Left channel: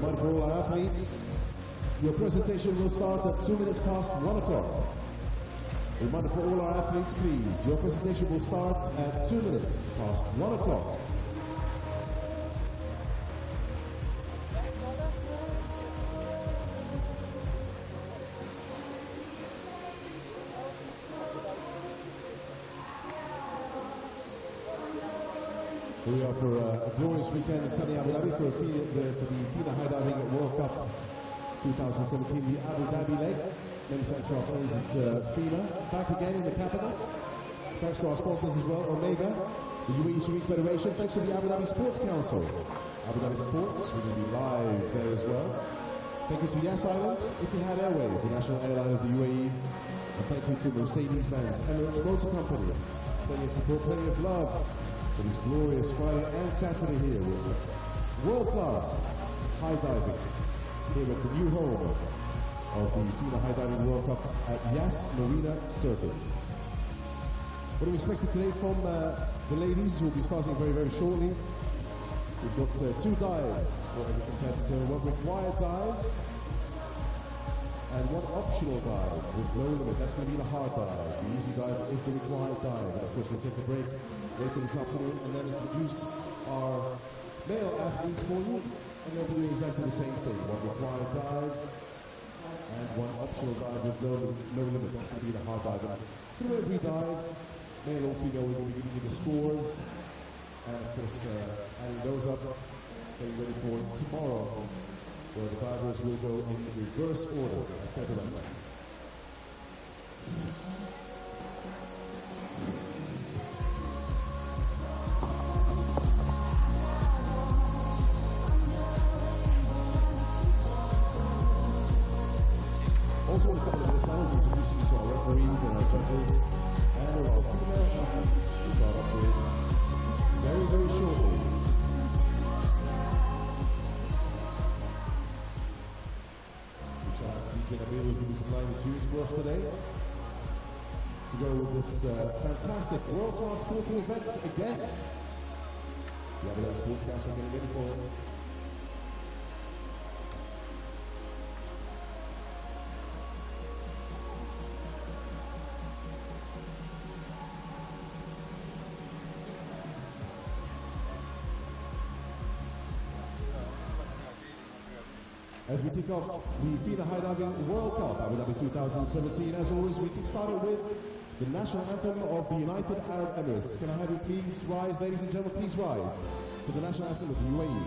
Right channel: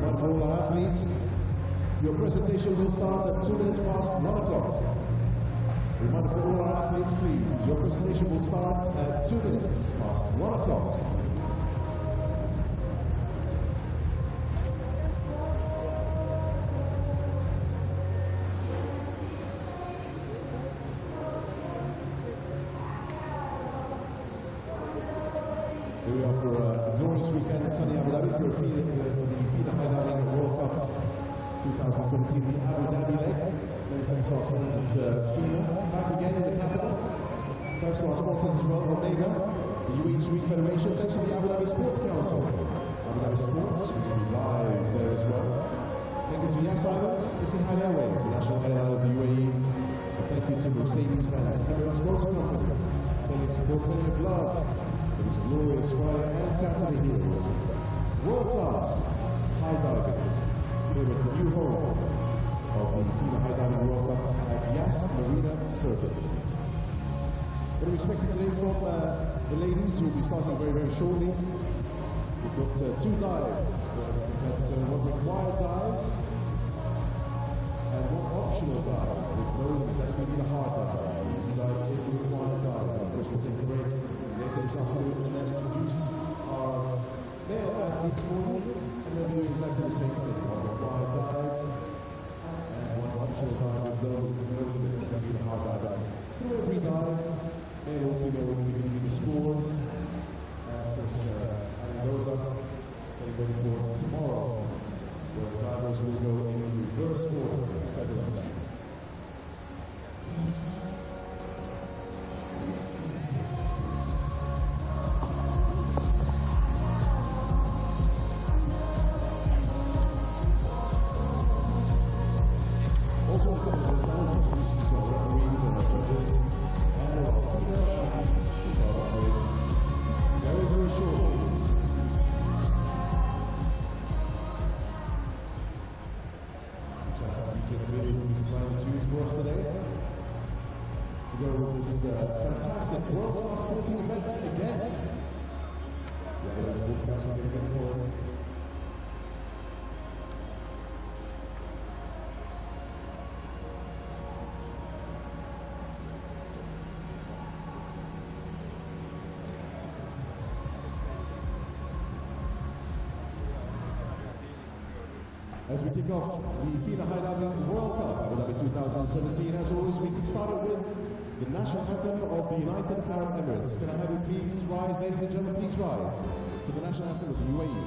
Reminder for all our athletes, your presentation will start at 2 minutes past 1 o'clock. Reminder for all our athletes, please, your presentation will start at 2 minutes past 1 o'clock. Here we are for a glorious weekend in sunny Abu Dhabi for the FINA High Diving World Cup 2017, the Abu Dhabi leg. Many thanks to our friends at FINA. Back again in the capital. Thanks to our sponsors as well, Omega, the UAE Swimming Federation. Thanks to the Abu Dhabi Sports Council. Abu Dhabi Sports, we're going to be live there as well. Thank you to Yas Island, Etihad Airways, the national airline of the UAE. And thank you to Mercedes-Benz, Emirates Motor Company. Plenty of support, plenty of love for this glorious Friday and Saturday here with world-class high diving here at the new home of the FINA High Diving World Cup at Yas Marina Circuit. What are we expecting today from the ladies who will be starting very, very shortly? We've got 2 dives for every competitor, 1 required dive and 1 optional dive with no limit. That's going to be the hard dive. The easy dive is the required dive. And of course, we'll take a break later this afternoon and then introduce our male athletes for you. And they'll be doing exactly the same thing. 1 required dive and 1 optional dive with no limit. That's going to be the hard dive. And through every dive, male or female, we're going to be giving you the scores. And of course, adding those up, getting ready for tomorrow, where the divers will go in reverse order. Let's get right now. Also, in a couple of minutes now, we'll introduce you to our referees and our judges and our female athletes to start off with very, very shortly. Big shout out to DJ Nabil, who's going to be supplying the tunes for us today to go with this fantastic world-class sporting event again. The Abu Dhabi Sports Council getting ready for it. As we kick off the FINA High Diving World Cup, Abu Dhabi 2017, as always, we kick-started with the national anthem of the United Arab Emirates. Can I have you please rise, ladies and gentlemen, please rise to the national anthem of the UAE.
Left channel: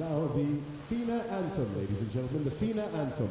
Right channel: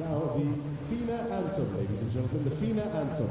Now the FINA anthem, ladies and gentlemen, the FINA anthem.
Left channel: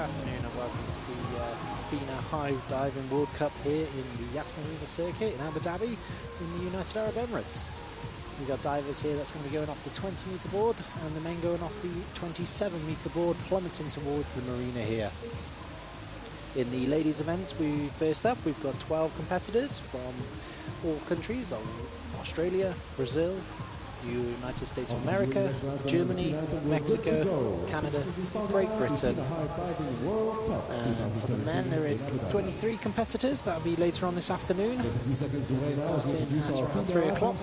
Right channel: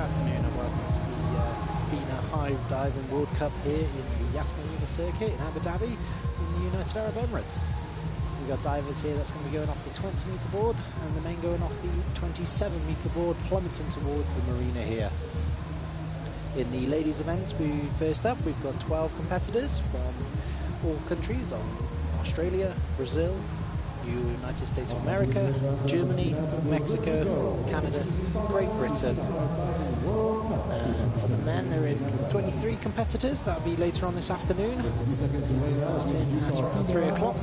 afternoon and welcome to the FINA High Diving World Cup here in the Yas Marina circuit in Abu Dhabi in the United Arab Emirates. We've got divers here that's going to be going off the 20-metre board and the men going off the 27-metre board, plummeting towards the marina here. In the ladies events, first up we've got 12 competitors from all countries: Australia, Brazil, United States of America, Germany, Mexico, Canada, Great Britain. And for the men, there are 23 competitors. That'll be later on this afternoon, starting at around 3 o'clock.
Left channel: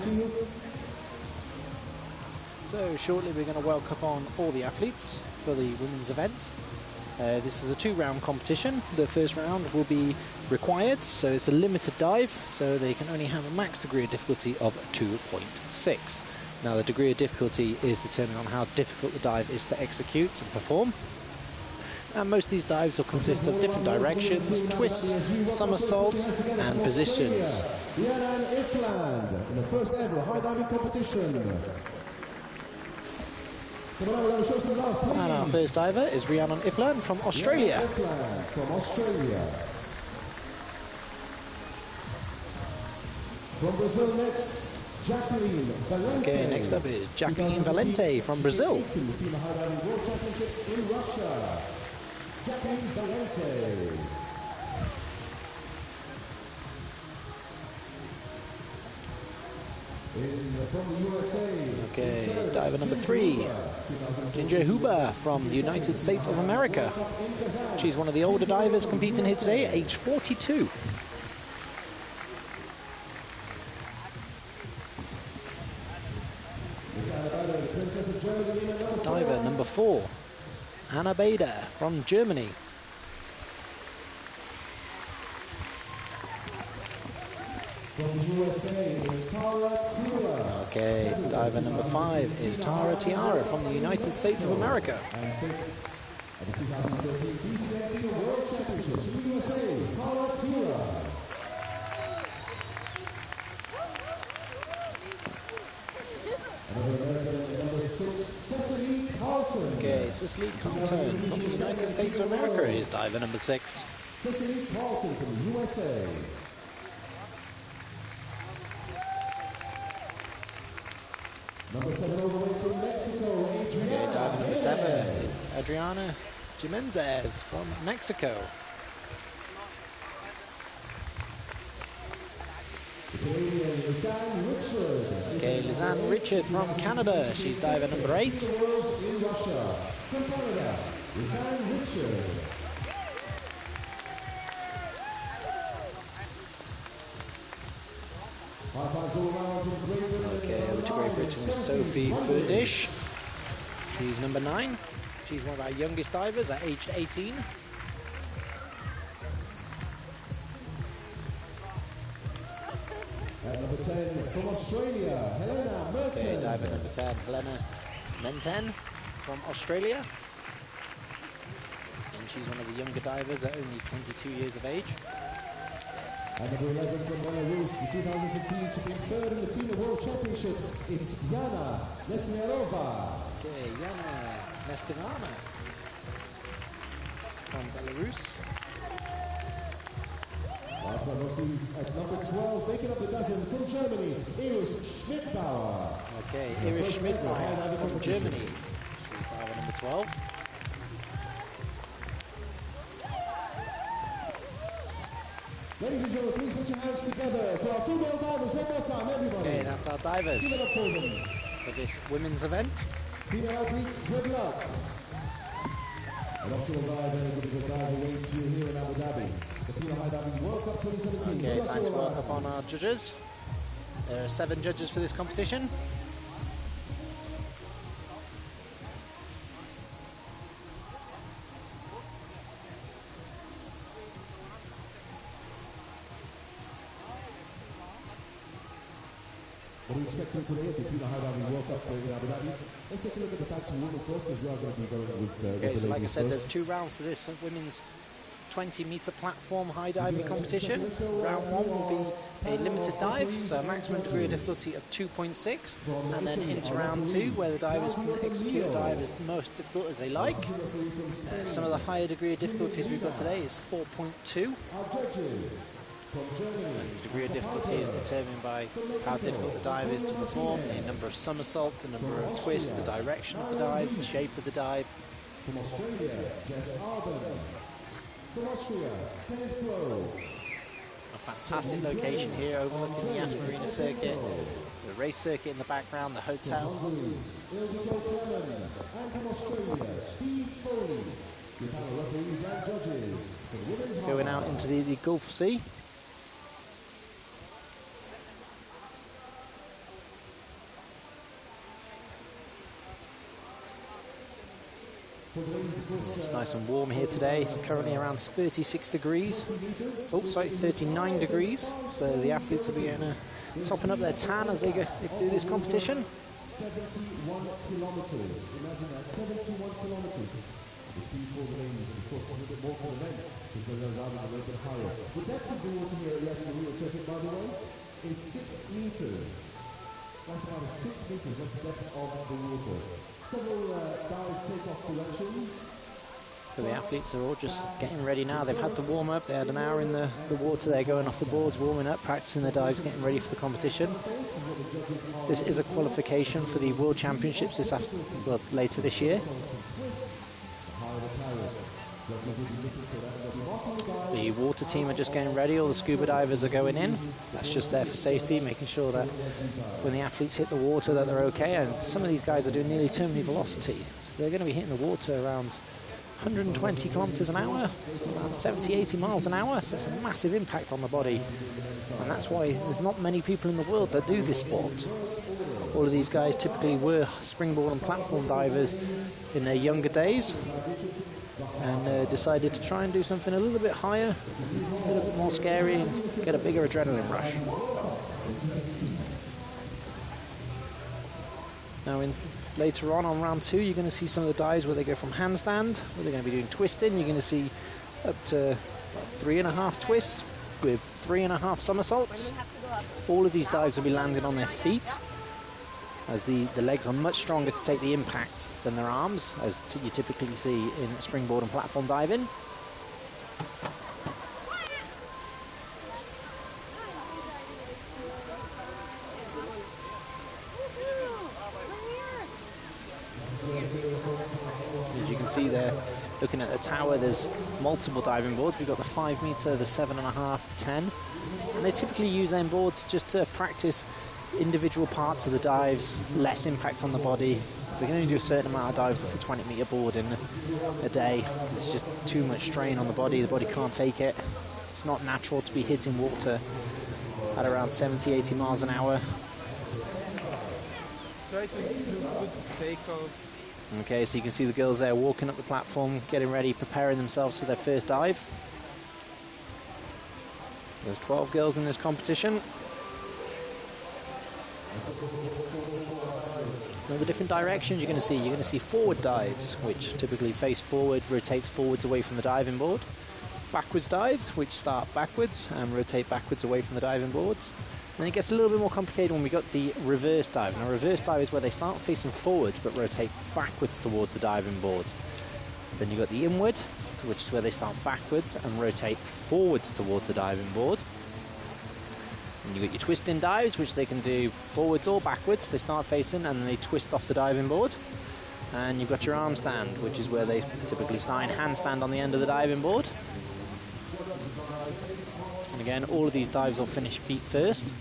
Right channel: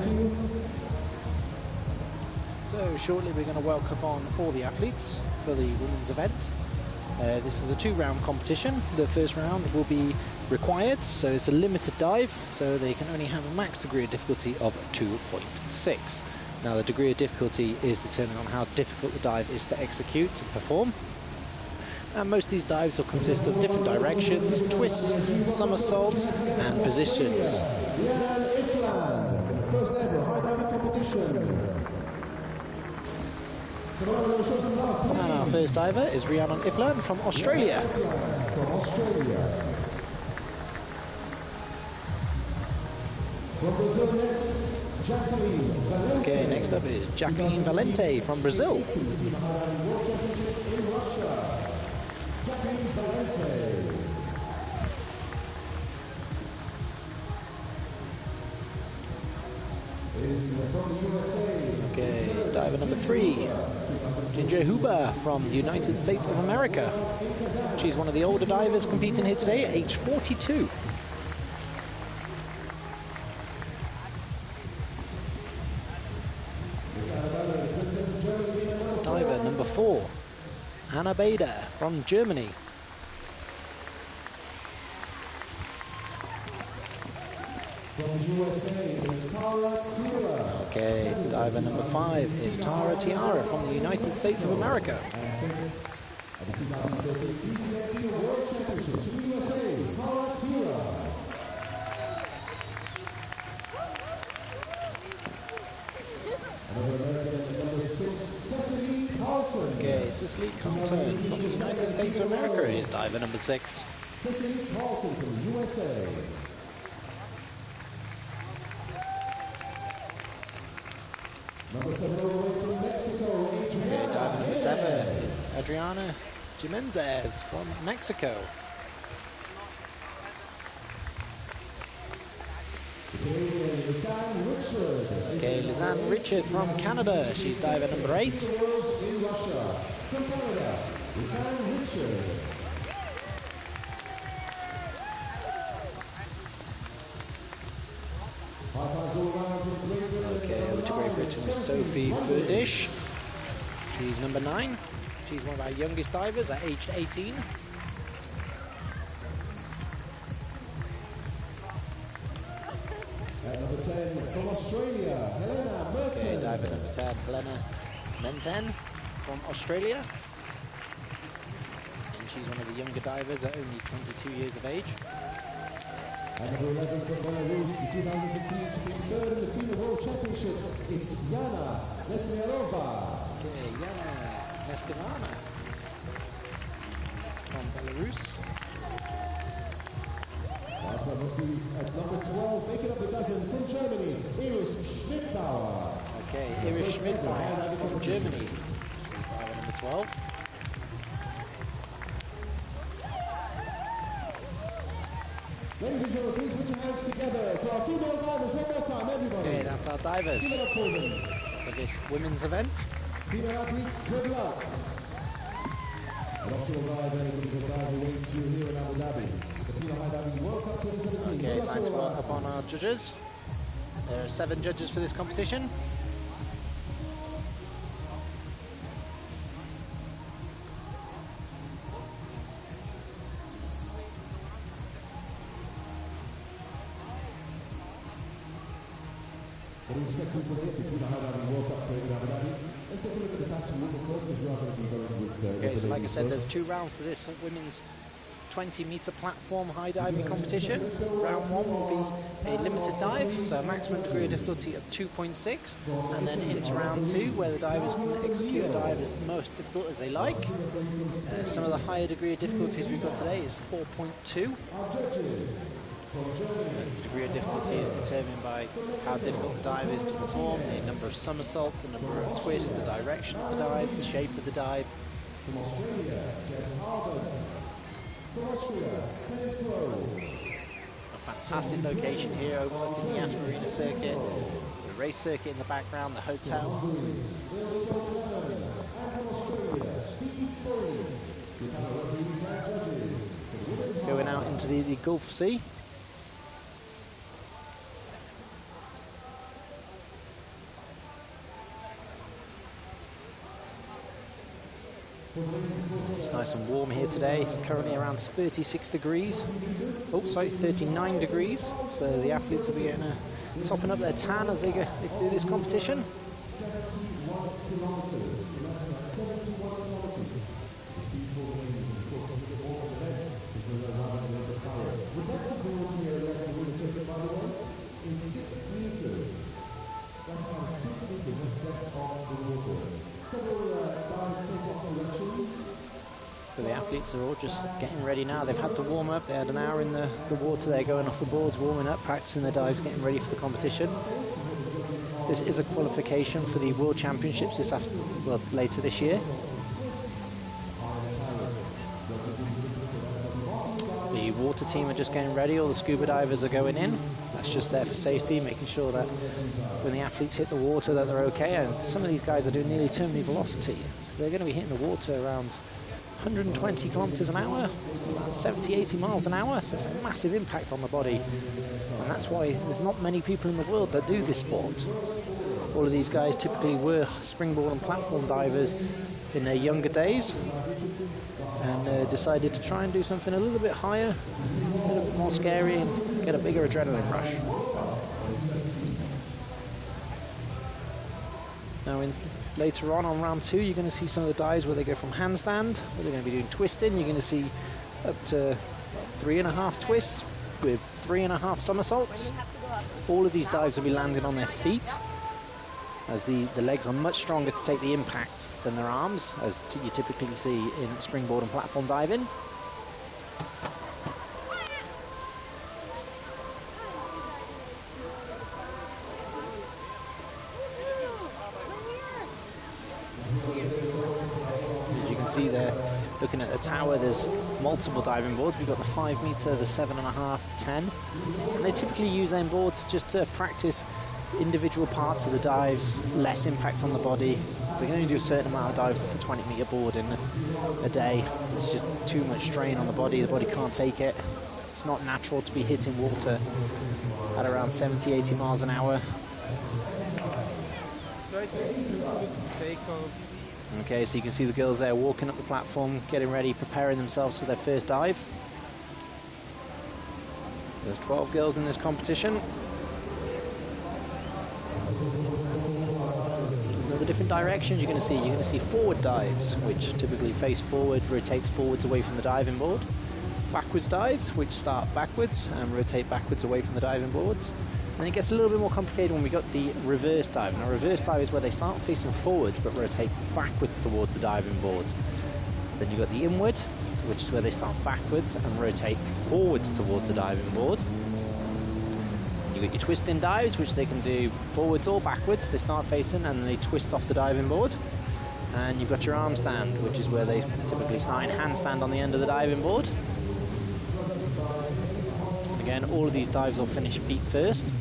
So shortly we're going to welcome on all the athletes for the women's event. This is a 2-round competition. The first round will be required, so it's a limited dive, so they can only have a max degree of difficulty of 2.6. Now the degree of difficulty is determined on how difficult the dive is to execute and perform. And most of these dives will consist of different directions, twists, somersaults and positions. Rhiannon Ifland in the first ever high diving competition. Come on, we're going to show some love, please. And our first diver is Rhiannon Ifland from Australia. Ifland from Australia. From Brazil next, Jacqueline Valente. Okay, next up is Jacqueline Valente from Brazil. The FINA High Diving World Championships in Russia. Jacqueline Valente. From the USA. Okay, diver number 3, Ginger Huber from the United States of America. She's one of the older divers competing here today at age 42. Diver number 4, Anna Bader from Germany. From the USA is Tara Tiara. Okay, diver number 5 is Tara Tiara from the United States of America. And 5th at the 2013 BCF FINA World Championships from the USA, Tara Tiara. Another American, number 6, Cecily Carlton. Okay, Cecily Carlton from the United States of America is diver number 6. Cecily Carlton from the USA. Number 7 all the way from Mexico, Adriana. Okay, diver number 7 is Adriana Jimenez from Mexico. The Canadian Lisanne Richard. Okay, Lisanne Richard from Canada. She's diver number 8. In Russia. From Canada, Lisanne Richard. High fives all around to Great Britain. Okay, over to Great Britain with Sophie Burdish. She's number 9. She's one of our youngest divers at age 18. At number 10 from Australia, Helena Merton. Okay, diver number 10, Helena Merton from Australia. And she's one of the younger divers at only 22 years of age. At number 11 from Belarus, the 2015 to be 3rd in the FINA World Championships, it's Yana Nesmerova. Okay, Yana Nestirana from Belarus. Last but not least, at number 12, making up the dozen from Germany, Iris Schmidbauer. Okay, Iris Schmidbauer from Germany. She's diver number 12. Ladies and gentlemen, please put your hands together for our female divers one more time, everybody. Okay, that's our divers Give it up for them. for this women's event. Female athletes, good luck. An optional dive and a critical dive awaits you here in Abu Dhabi. The FINA High Diving World Cup 2017. Okay, time to work up on our judges. There are 7 judges for this competition. What are we expecting today at the FINA High Diving World Cup in Abu Dhabi? Let's take a look at the facts and women first, because we are going to be going with Okay, the so like I ladies said, first. there's 2 rounds to this women's 20-meter platform high diving competition. Round 1 will be a limited dive, so a maximum degree of difficulty of 2.6, and then into round 2, where the divers can execute a dive as most difficult as they like. Some of the higher degree of difficulties we've got today is 4.2. The degree of difficulty is determined by how difficult the dive is to perform, the number of somersaults, the number of twists, the direction of the dive, the shape of the dive. From Australia, Jeff Arden. From Austria, Kenneth Crowe. A fantastic location here overlooking the Yas Marina circuit, the race circuit in the background, the hotel. There we go, Clement. And from Australia, Steve Foley. Your panel referees and judges for the women's Going out into the Gulf Sea. It's nice and warm here today. It's currently around 36 degrees. Oh, sorry, 39 degrees. So the athletes will be topping up their tan as they do this competition. 71 kilometers. Imagine that, 71 kilometers. The speed for the ladies, and of course a little bit more for the men, because they're riding a little bit higher. The depth of the water here at Yas Marina circuit, by the way, is 6 meters. That's about 6 meters. That's the depth of the water. Several dive takeoff corrections. So the athletes are all just getting ready now. They've had to warm up. They had an hour in the water. They're going off the boards, warming up, practicing their dives, getting ready for the competition. This is a qualification for the World Championships later this year. The water team are just getting ready. All the scuba divers are going in. That's just there for safety, making sure that when the athletes hit the water that they're okay. And some of these guys are doing nearly terminal velocity, so they're going to be hitting the water around 120 kilometers an hour, around 70, 80 miles an hour. So it's a massive impact on the body, and that's why there's not many people in the world that do this sport. All of these guys typically were springboard and platform divers in their younger days, and decided to try and do something a little bit higher, a little bit more scary, and get a bigger adrenaline rush. Now, later on round 2, you're going to see some of the dives where they go from handstand, where they're going to be doing twisting. You're going to see up to 3.5 twists with 3.5 somersaults. All of these dives will be landing on their feet, as the legs are much stronger to take the impact than their arms, as you typically see in springboard and platform diving. As you can see there, looking at the tower, there's multiple diving boards. We've got the 5 meter, the 7.5, the 10, and they typically use them boards just to practice individual parts of the dives, less impact on the body. We can only do a certain amount of dives off the 20-meter board in a day. There's just too much strain on the body can't take it. It's not natural to be hitting water at around 70, 80 miles an hour. Okay, so you can see the girls there walking up the platform, getting ready, preparing themselves for their first dive. There's 12 girls in this competition. Now, the different directions you're going to see forward dives, which typically face forward, rotates forwards away from the diving board. Backwards dives, which start backwards and rotate backwards away from the diving boards. And then it gets a little bit more complicated when we got the reverse dive. Now, reverse dive is where they start facing forwards but rotate backwards towards the diving board. Then you've got the inward, which is where they start backwards and rotate forwards towards the diving board. You've got your twisting dives, which they can do forwards or backwards. They start facing and then they twist off the diving board. And you've got your arm stand, which is where they typically start in handstand on the end of the diving board. And again, all of these dives will finish feet first.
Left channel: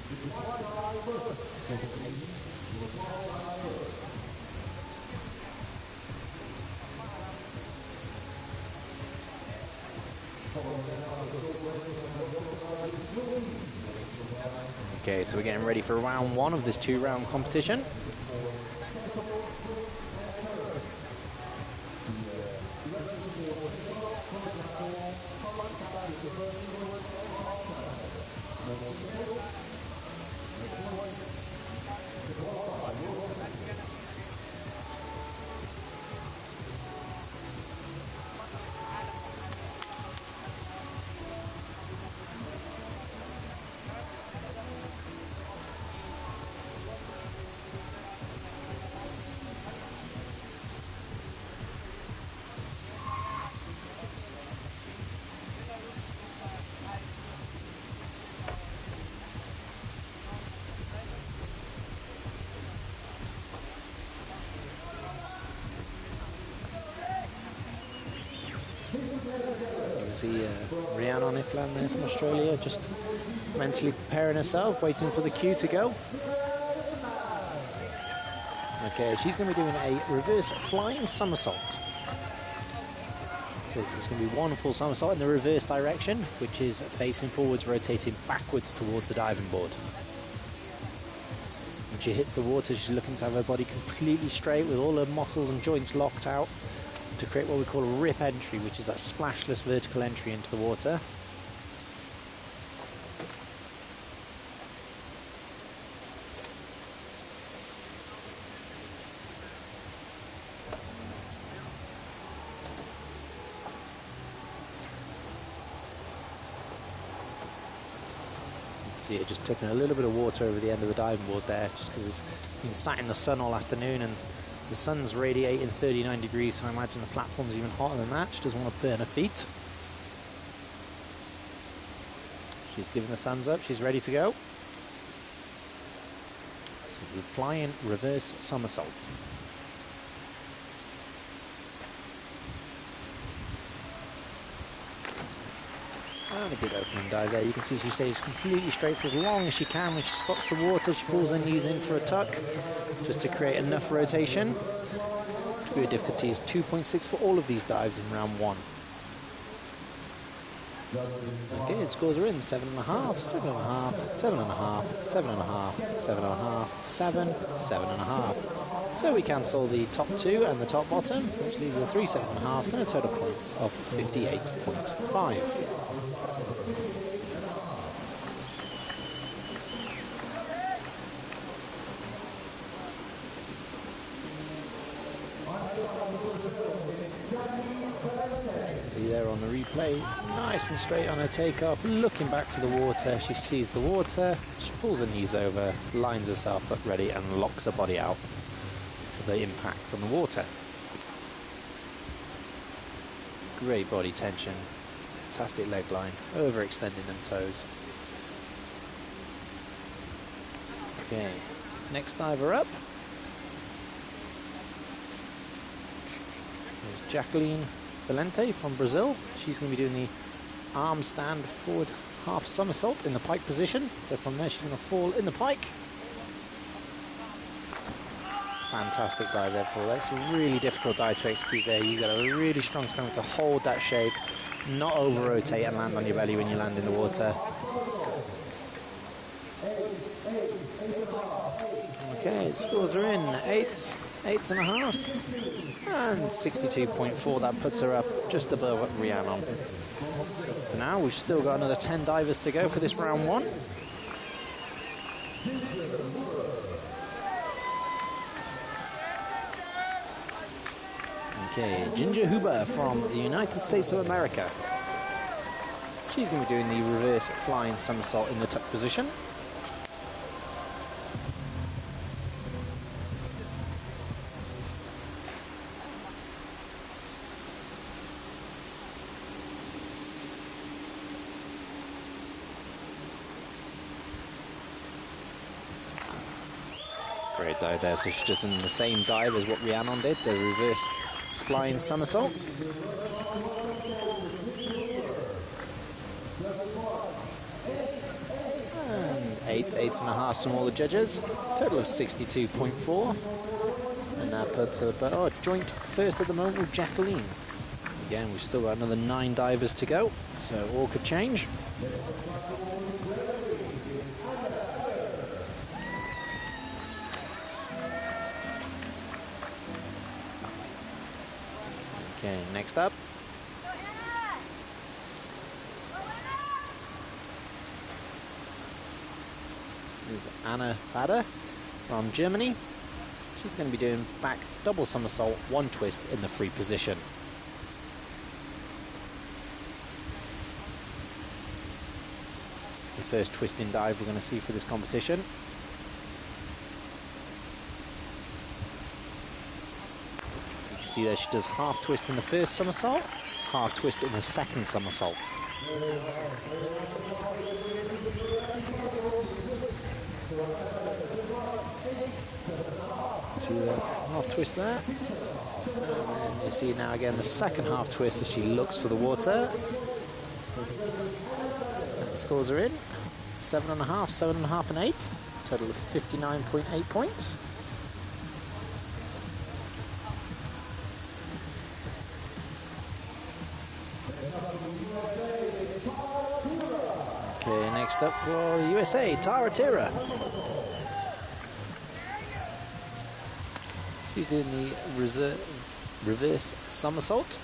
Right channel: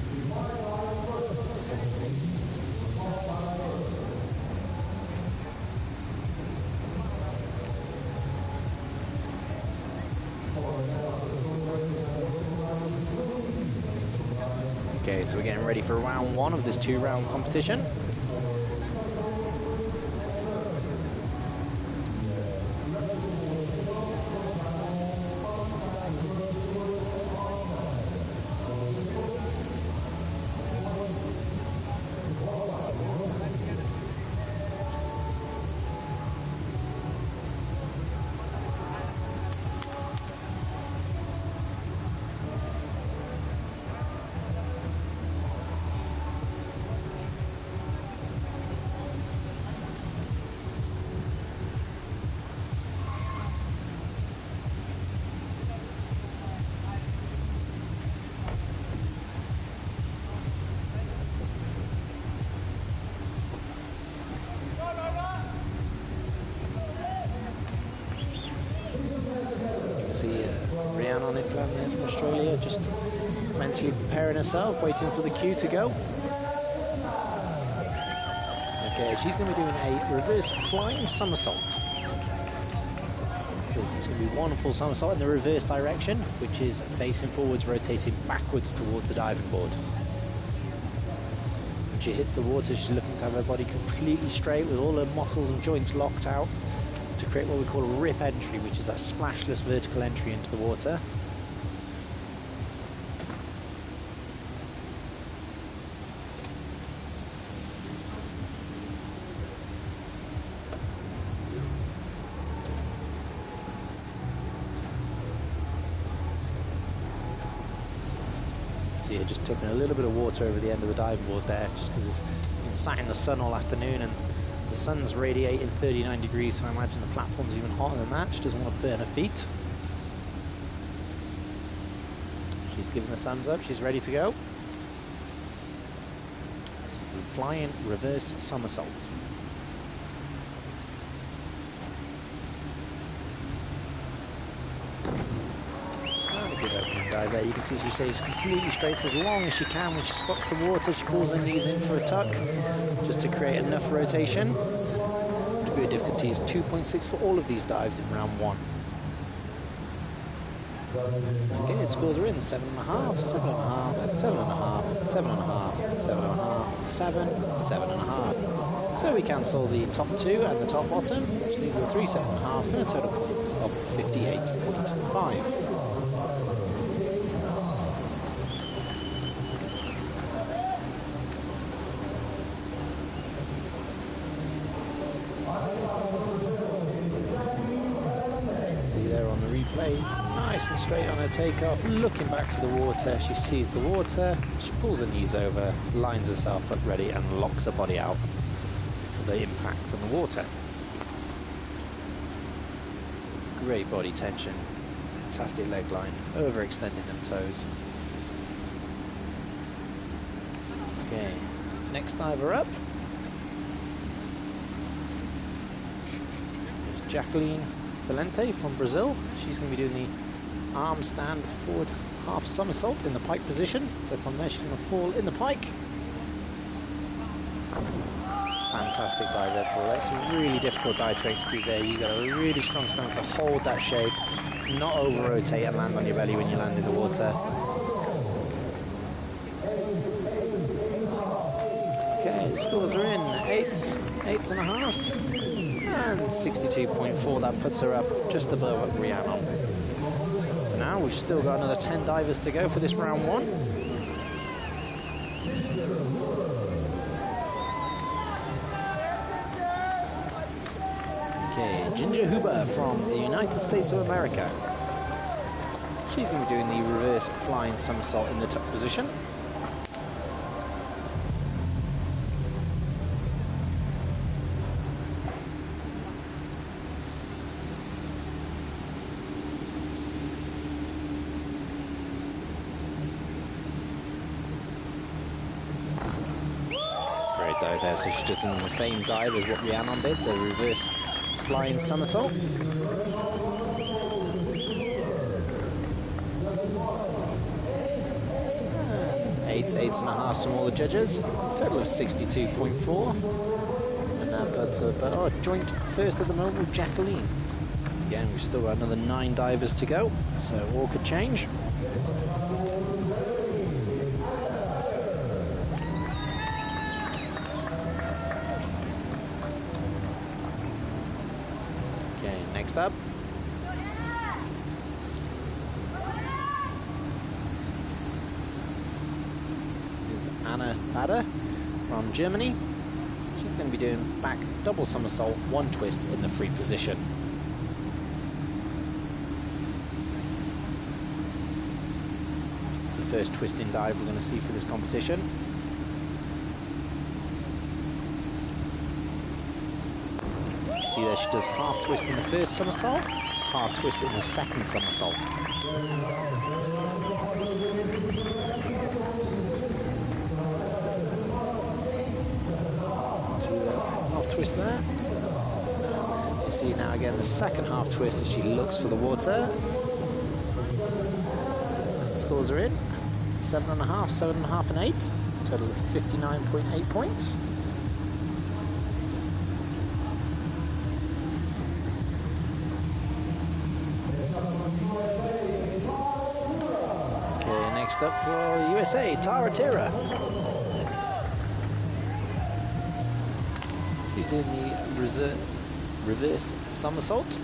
Okay, so we're getting ready for round 1 of this 2-round competition. see Rhiannon Iflan there from Australia, just mentally preparing herself, waiting for the cue to go. Okay, she's going to be doing a reverse flying somersault. So this is going to be one full somersault in the reverse direction, which is facing forwards, rotating backwards towards the diving board. When she hits the water, she's looking to have her body completely straight with all her muscles and joints locked out to create what we call a rip entry, which is that splashless vertical entry into the water. See her just tipping a little bit of water over the end of the diving board there, just because it's been sat in the sun all afternoon and the sun's radiating 39 degrees, so I imagine the platform's even hotter than that. She doesn't want to burn her feet. She's giving the thumbs up, she's ready to go. So flying reverse somersault. And a good opening dive there. You can see she stays completely straight for as long as she can. When she spots the water, she pulls her knees in for a tuck, just to create enough rotation. Degree of difficulty is 2.6 for all of these dives in round 1. Okay, it scores are in 7.5, 7.5, 7.5, 7.5, 7.5, 7, 7.5. So we cancel the top 2 and the top bottom, which leaves us 3 7.5s and a total points of 58.5. See there on the replay, nice and straight on her takeoff, looking back for the water. She sees the water, she pulls her knees over, lines herself up ready and locks her body out for the impact on the water. Great body tension, fantastic leg line, overextending them toes. Okay, next diver up. There's Jacqueline Valente from Brazil. She's going to be doing the arm stand forward half somersault in the pike position. So from there she's going to fall in the pike. Fantastic dive there for her. That's a really difficult dive to execute there. You've got a really strong stomach to hold that shape, not over rotate and land on your belly when you land in the water. Okay, scores are in 8s, 8.5s. And 62.4, that puts her up just above Rhiannon. For now, we've still got another 10 divers to go for this round 1. Okay, Ginger Huber from the United States of America. She's going to be doing the reverse flying somersault in the tuck position. Great dive there, so she's just in the same dive as what Rhiannon did, the reverse flying somersault. And 8.5 from all the judges, total of 62.4. And that puts her joint first at the moment with Jacqueline. Again, we've still got another 9 divers to go, so all could change. Okay, next up. Is Anna Bader from Germany. She's going to be doing back double somersault, 1 twist in the free position. It's the first twisting dive we're going to see for this competition. See there, she does half twist in the first somersault, half twist in the second somersault. See that half twist there, and then you see now again the second half twist as she looks for the water. Scores are in. 7.5, 7.5 and 8. Total of 59.8 points. Okay, next up for the USA, Tara Tira. She's in the reverse somersault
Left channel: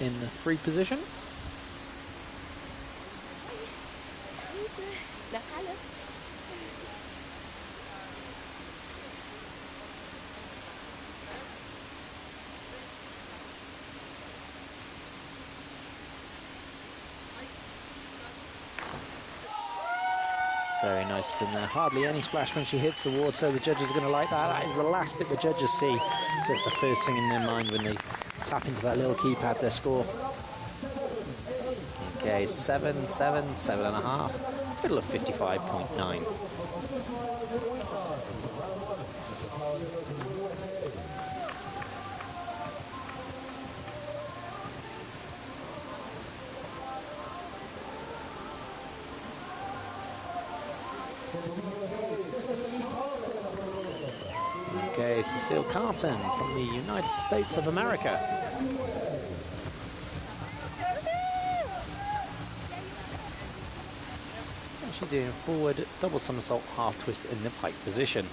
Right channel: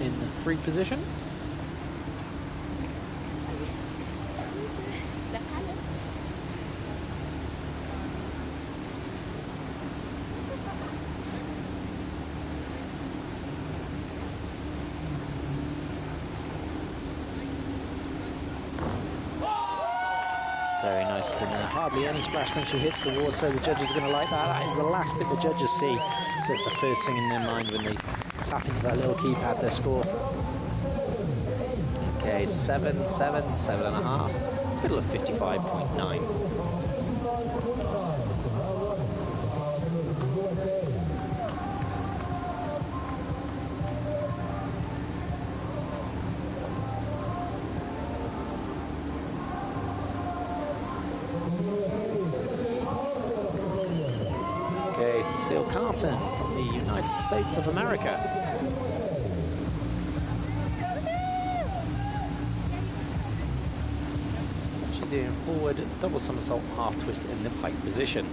in free position. Very nice in there. Hardly any splash when she hits the ward, so the judges are going to like that. That is the last bit the judges see. So it's the first thing in their mind when they tap into that little keypad, their score. Okay, 7, 7, 7.5. Total of 55.9. Okay, Cecile Carton from the United States of America. And she's doing forward double somersault half twist in the pike position.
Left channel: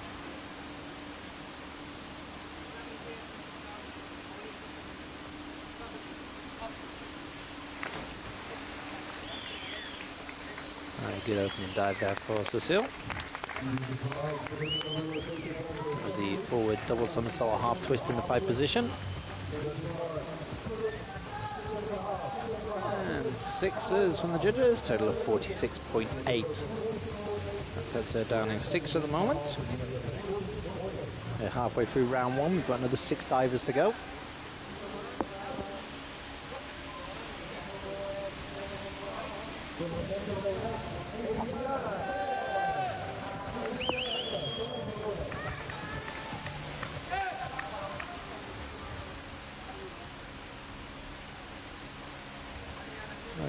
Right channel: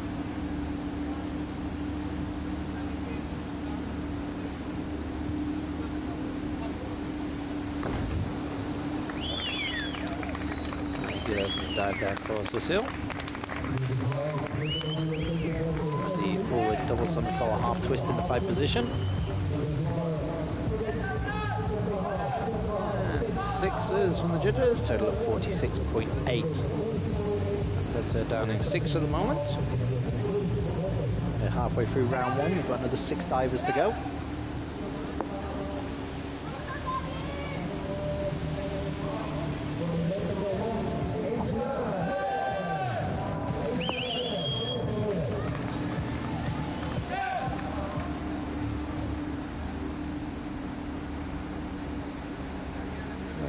Good opening dive there for Cecile. The forward double somersault half twist in the pipe position. And 6s from the judges, total of 46.8. That puts her down in 6 at the moment. We're halfway through round 1, we've got another 6 divers to go.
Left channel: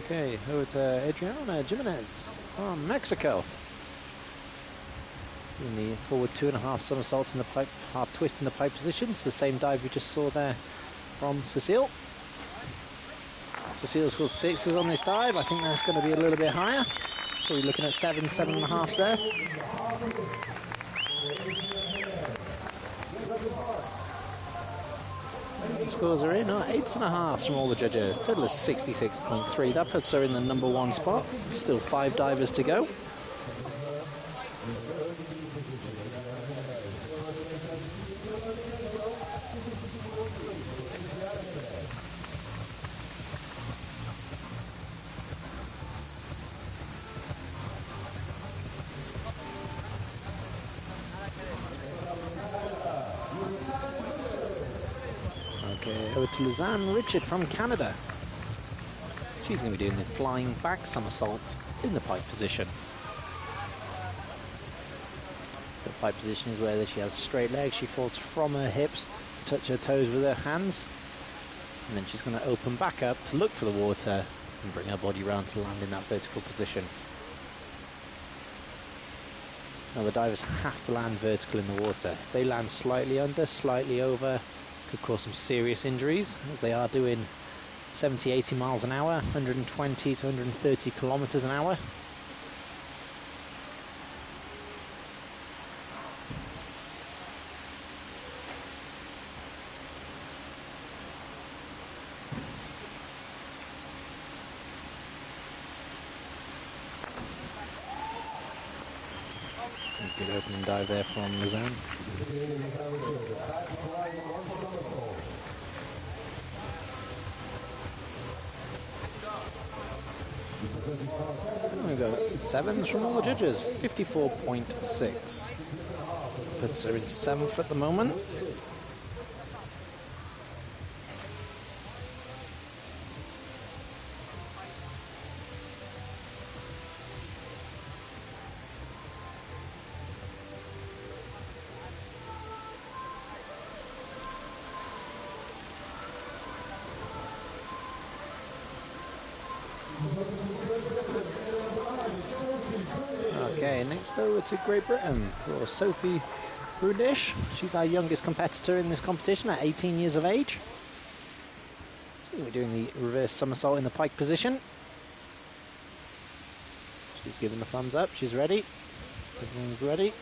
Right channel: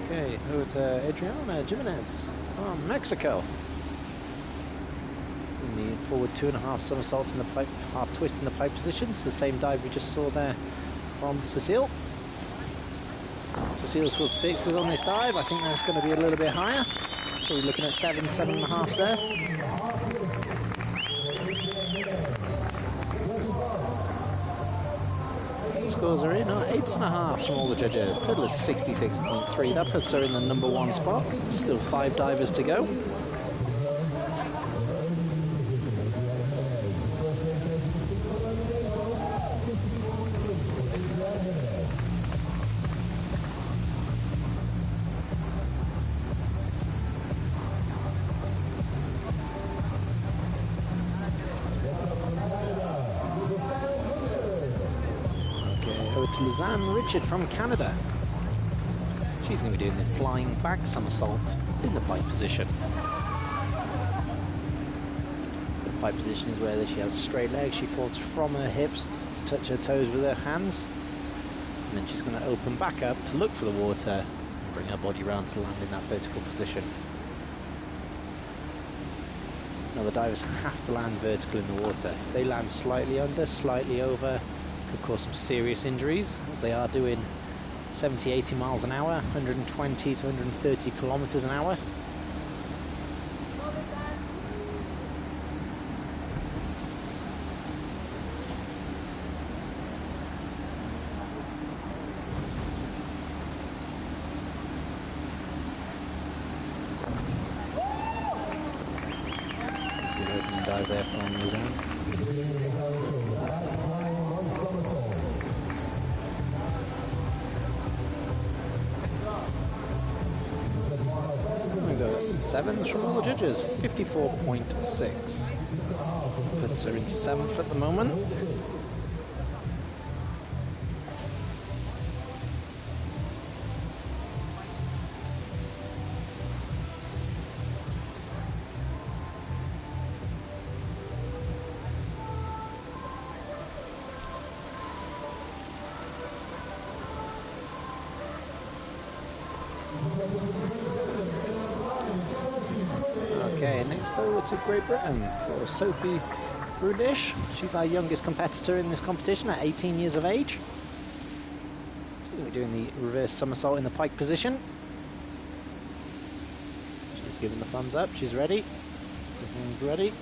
Okay, over to Adriana Jimenez from Mexico. Doing the forward 2.5 somersaults in the pipe, half twist in the pipe position. It's the same dive we just saw there from Cecile. Cecile scored 6s on this dive. I think that's going to be a little bit higher. Probably looking at 7, 7.5 there. Scores are in, 8.5 from all the judges. Total is 66.3. That puts her in the number 1 spot. Still 5 divers to go. Over to Lizanne Richard from Canada. She's going to be doing the flying back somersault in the pipe position. The pipe position is where she has straight legs. She falls from her hips to touch her toes with her hands. And then she's going to open back up to look for the water and bring her body round to land in that vertical position. Now the divers have to land vertical in the water. If they land slightly under, slightly over, could cause some serious injuries, as they are doing 70, 80 miles an hour, 120 to 130 kilometers an hour. Good opening dive there from Lizanne. We got 7s from all the judges, 54.6. Puts her in 7th at the moment. Okay, next over to Great Britain for Sophie Brudish. She's our youngest competitor in this competition at 18 years of age. We're doing the reverse somersault in the pike position. She's giving the thumbs up. She's ready. Everyone's ready.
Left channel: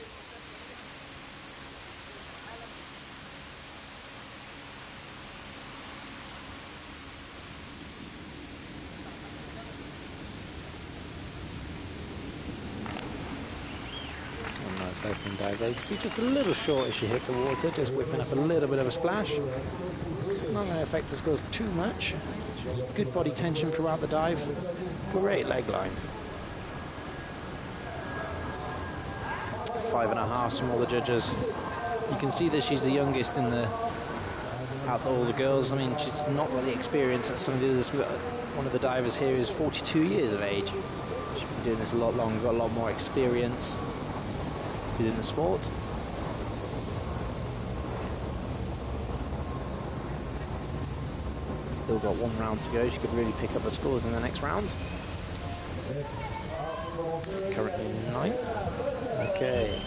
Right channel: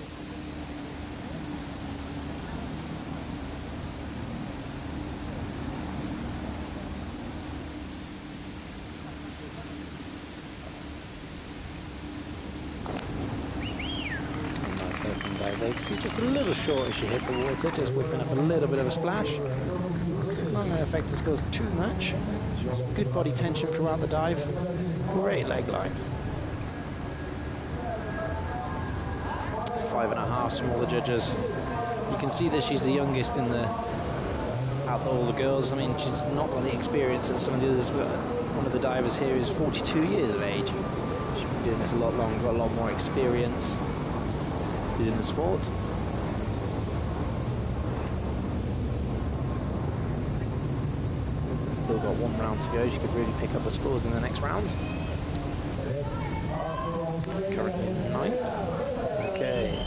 Nice open dive there. You can see just a little short as she hit the water, just whipping up a little bit of a splash. It's not going to affect the scores too much. Good body tension throughout the dive. Great leg line. 5.5 from all the judges. You can see that she's the youngest in the out of all the girls. I mean, she's not got the experience that some of the others. One of the divers here is 42 years of age. She's been doing this a lot longer, got a lot more experience within the sport. Still got one round to go. She could really pick up the scores in the next round. Currently 9th. Okay.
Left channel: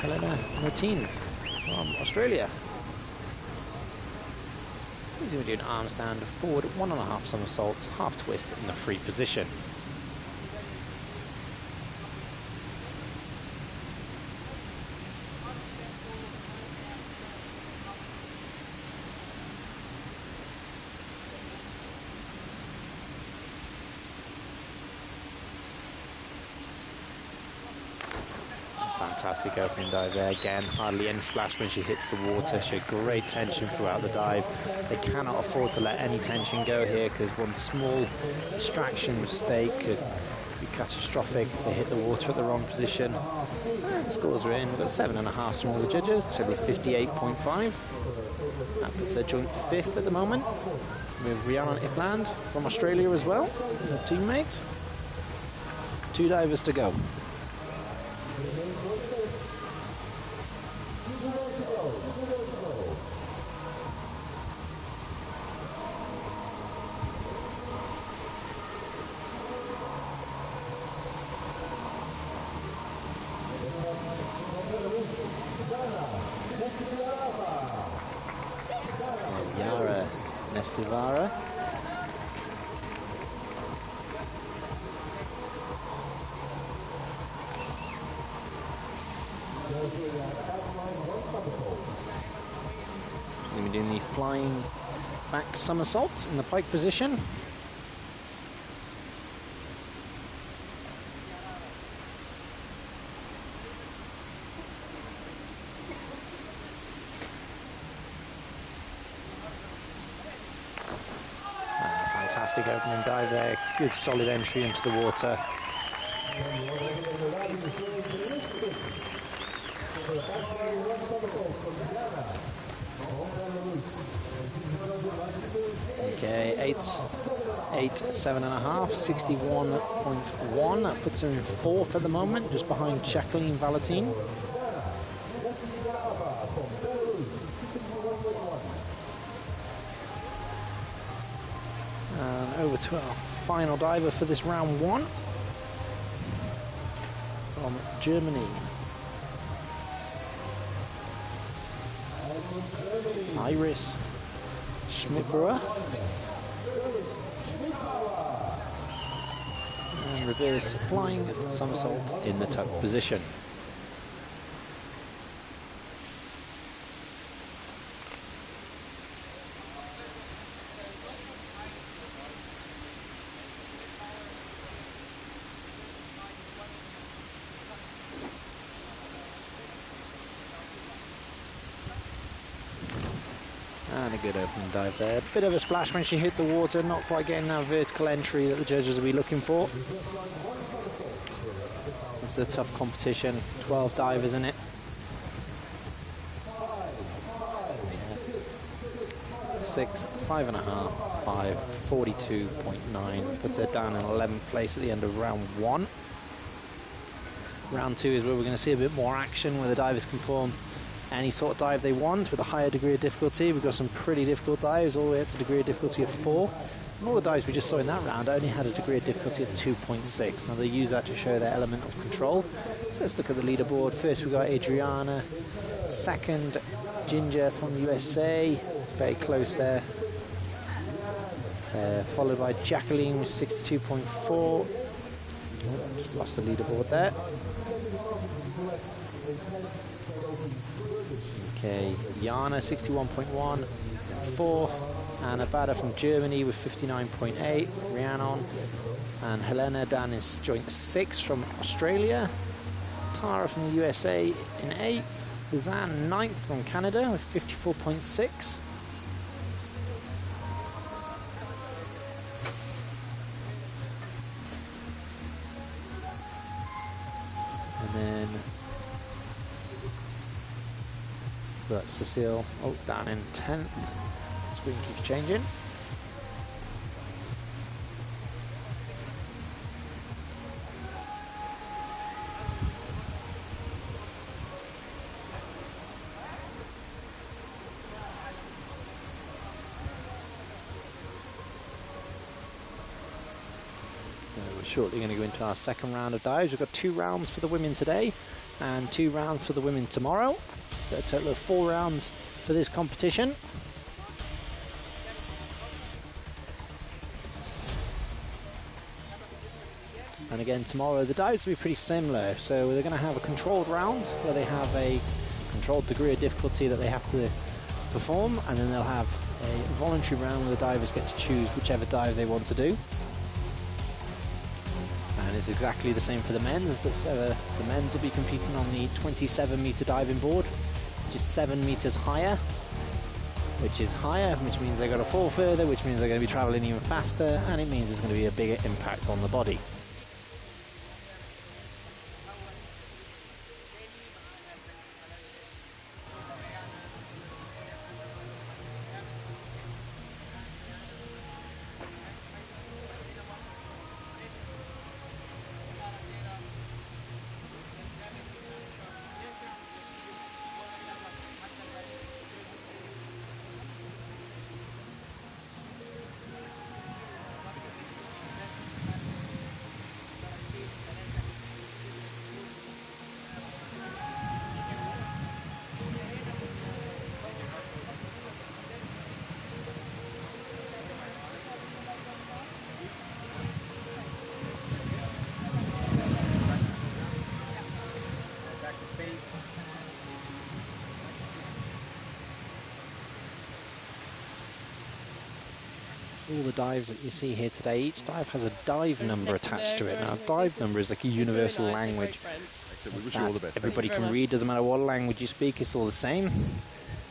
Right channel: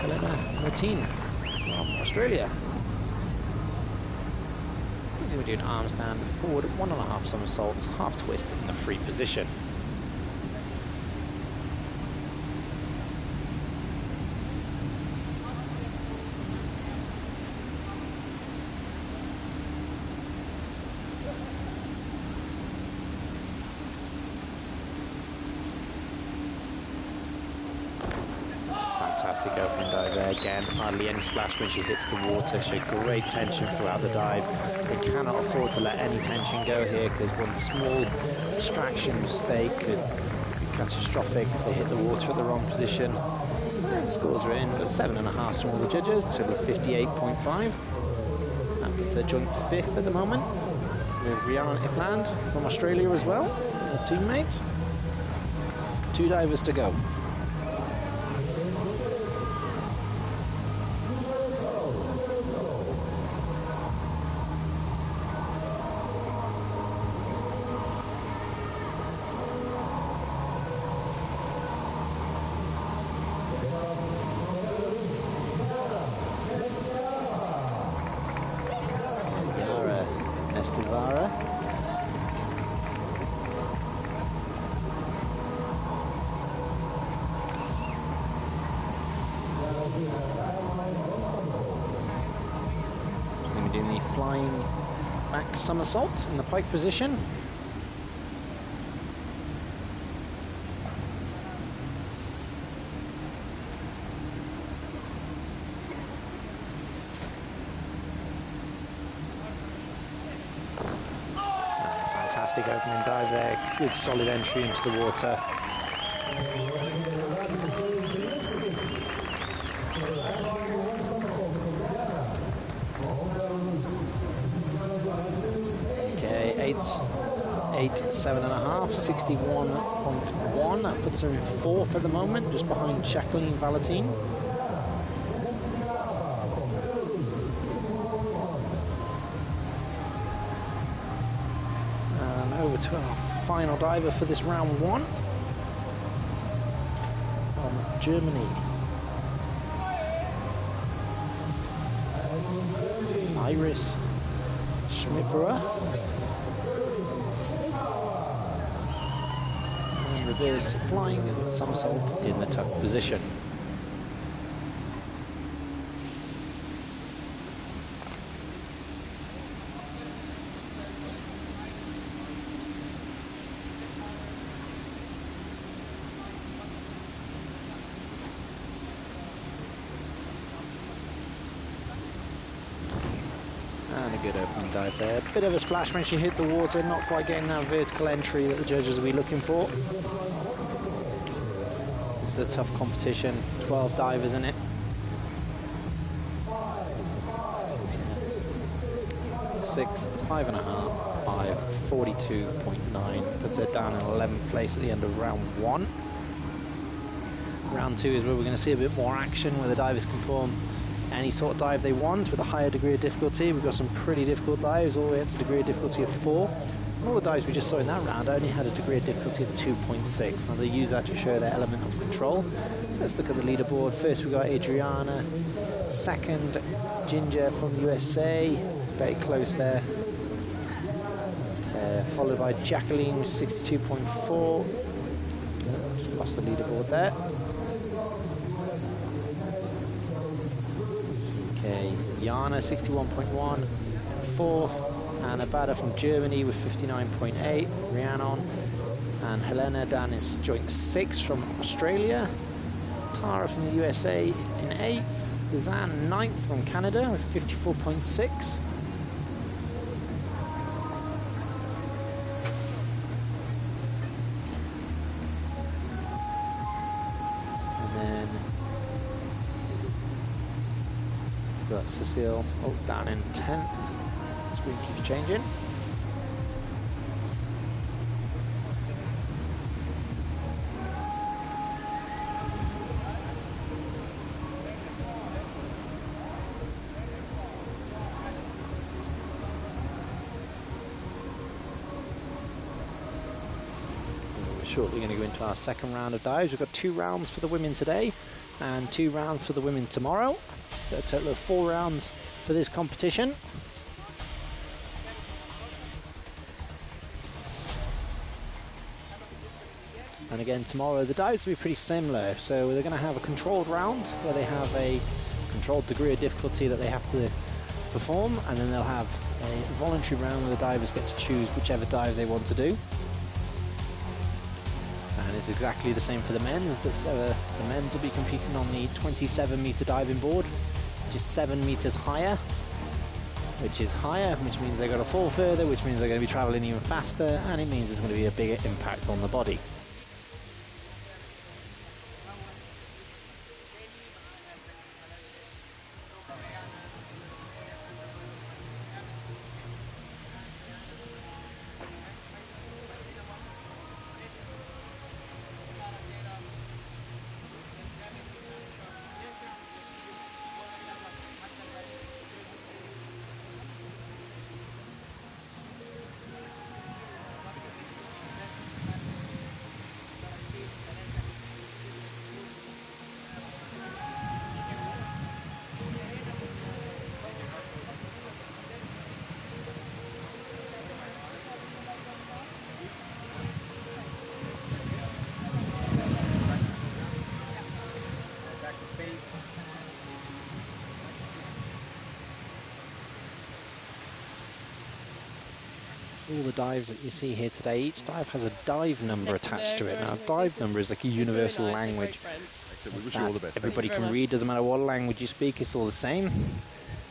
Helena Martin from Australia. She's going to do an arm stand forward, 1.5 somersaults, half twist in the free position. Fantastic opening dive there. Again, hardly any splash when she hits the water. She had great tension throughout the dive. They cannot afford to let any tension go here, because one small distraction mistake could be catastrophic if they hit the water at the wrong position. And the scores are in. We've got 7.5 from all the judges, total of 58.5. That puts her joint 5th at the moment, with Rhiannon Ifland from Australia as well, her teammate. 2 divers to go. Nestivara. She's going to be doing the flying back somersault in the pike position. Fantastic opening dive there, good solid entry into the water. Okay, 7.5, 61.1. That puts her in 4th at the moment, just behind Jacqueline Valentine. And over to our final diver for this round 1 from Germany. Iris Schmidbauer. And reverse flying somersault in the tuck position. And a good opening dive there. Bit of a splash when she hit the water, not quite getting that vertical entry that the judges will be looking for. It's a tough competition, 12 divers in it. Yeah. 6, 5.5, 5, 42.9. Puts her down in 11th place at the end of round 1. Round 2 is where we're going to see a bit more action, where the divers can perform any sort of dive they want with a higher degree of difficulty. We've got some pretty difficult dives all the way up to degree of difficulty of 4. And all the dives we just saw in that round only had a degree of difficulty of 2.6. Now they use that to show their element of control. So let's look at the leaderboard. First we got Adriana, second Ginger from the USA, very close there. Followed by Jacqueline with 62.4. Just lost the leaderboard there. Okay, Jana 61.1, fourth. And Abada from Germany with 59.8, Rhiannon. And Helena Dan is joint 6th from Australia. Tara from the USA in 8th. Lizanne 9th from Canada with 54.6. And then we've got Cecile down in 10th. Screen keeps changing. We're shortly going to go into our second round of dives. We've got 2 rounds for the women today and 2 rounds for the women tomorrow. So a total of 4 rounds for this competition. And again tomorrow the dives will be pretty similar. So they're going to have a controlled round where they have a controlled degree of difficulty that they have to perform, and then they'll have a voluntary round where the divers get to choose whichever dive they want to do. And it's exactly the same for the men's, but the men's will be competing on the 27-meter diving board, which is 7 meters higher, which means they've got to fall further, which means they're going to be traveling even faster, and it means there's going to be a bigger impact on the body. All the dives that you see here today, each dive has a dive number attached to it. Now, a dive number is like a universal language that everybody can read. Doesn't matter what language you speak, it's all the same.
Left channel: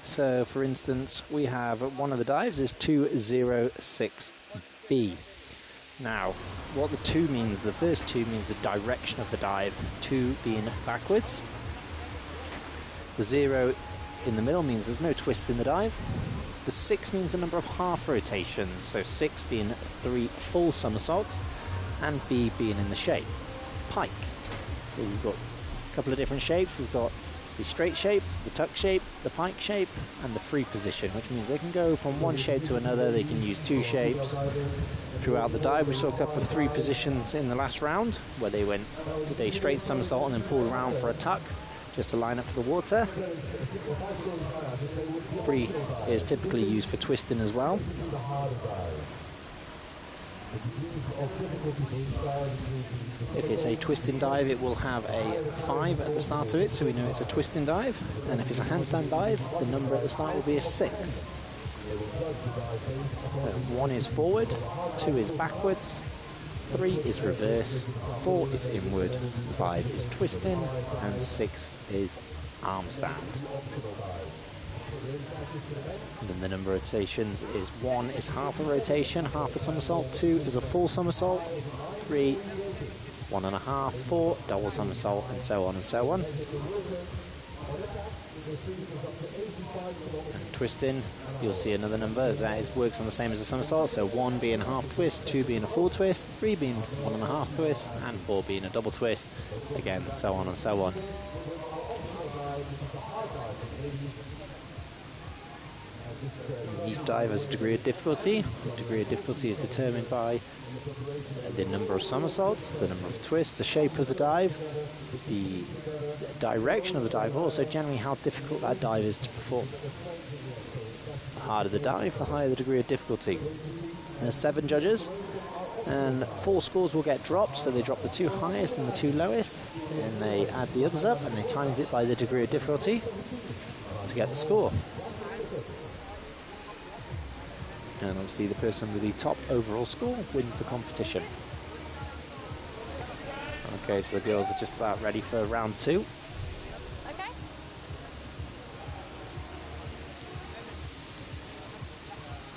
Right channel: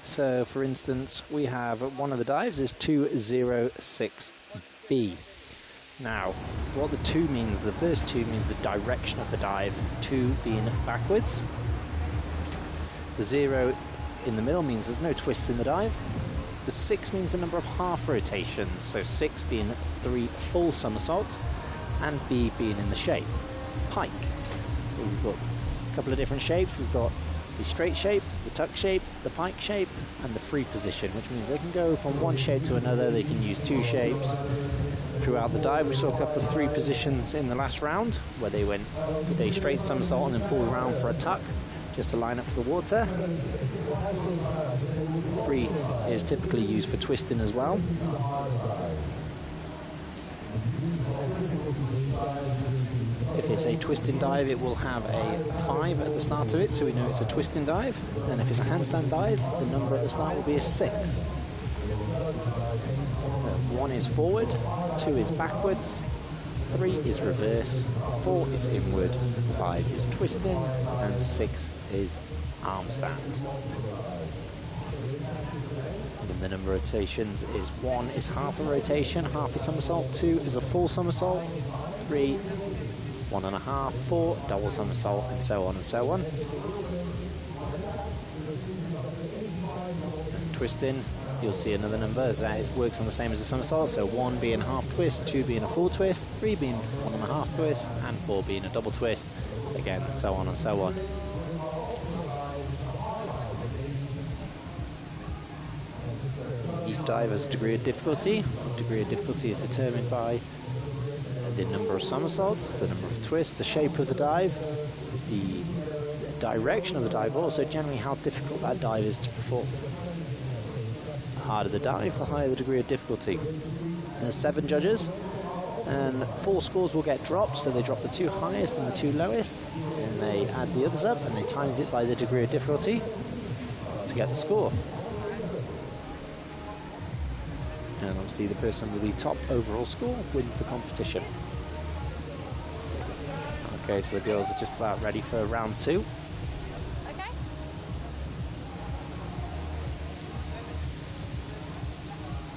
So, for instance, we have one of the dives is 206B. Now, what the 2 means, the first 2 means the direction of the dive, 2 being backwards. The 0 in the middle means there's no twists in the dive. The 6 means the number of half rotations, so 6 being 3 full somersaults, and B being in the shape, pike. So we've got a couple of different shapes. We've got the straight shape, the tuck shape, the pike shape, and the free position, which means they can go from one shape to another. They can use 2 shapes throughout the dive. We saw a couple of 3 positions in the last round, where they went with a straight somersault and then pulled around for a tuck, just to line up for the water. 3 is typically used for twisting as well. If it's a twisting dive, it will have a 5 at the start of it, so we know it's a twisting dive. And if it's a handstand dive, the number at the start will be a 6. 1 is forward, 2 is backwards, 3 is reverse, 4 is inward, 5 is twisting, and 6 is arm stand. And then the number of rotations is 1 is half a rotation, half a somersault, 2 is a full somersault, 3, 1.5, 4, double somersault, and so on and so on. And twisting, you'll see another number as that works on the same as a somersault, so 1 being a half twist, 2 being a full twist, 3 being 1.5 twist, and 4 being a double twist, again, so on and so on. dive has a degree of difficulty. The degree of difficulty is determined by the number of somersaults, the number of twists, the shape of the dive, the direction of the dive, but also generally how difficult that dive is to perform. The harder the dive, the higher the degree of difficulty. There's 7 judges, and 4 scores will get dropped, so they drop the 2 highest and the 2 lowest, and they add the others up, and they times it by the degree of difficulty to get the score. And obviously the person with the top overall score wins the competition. Okay, so the girls are just about ready for round 2. Okay.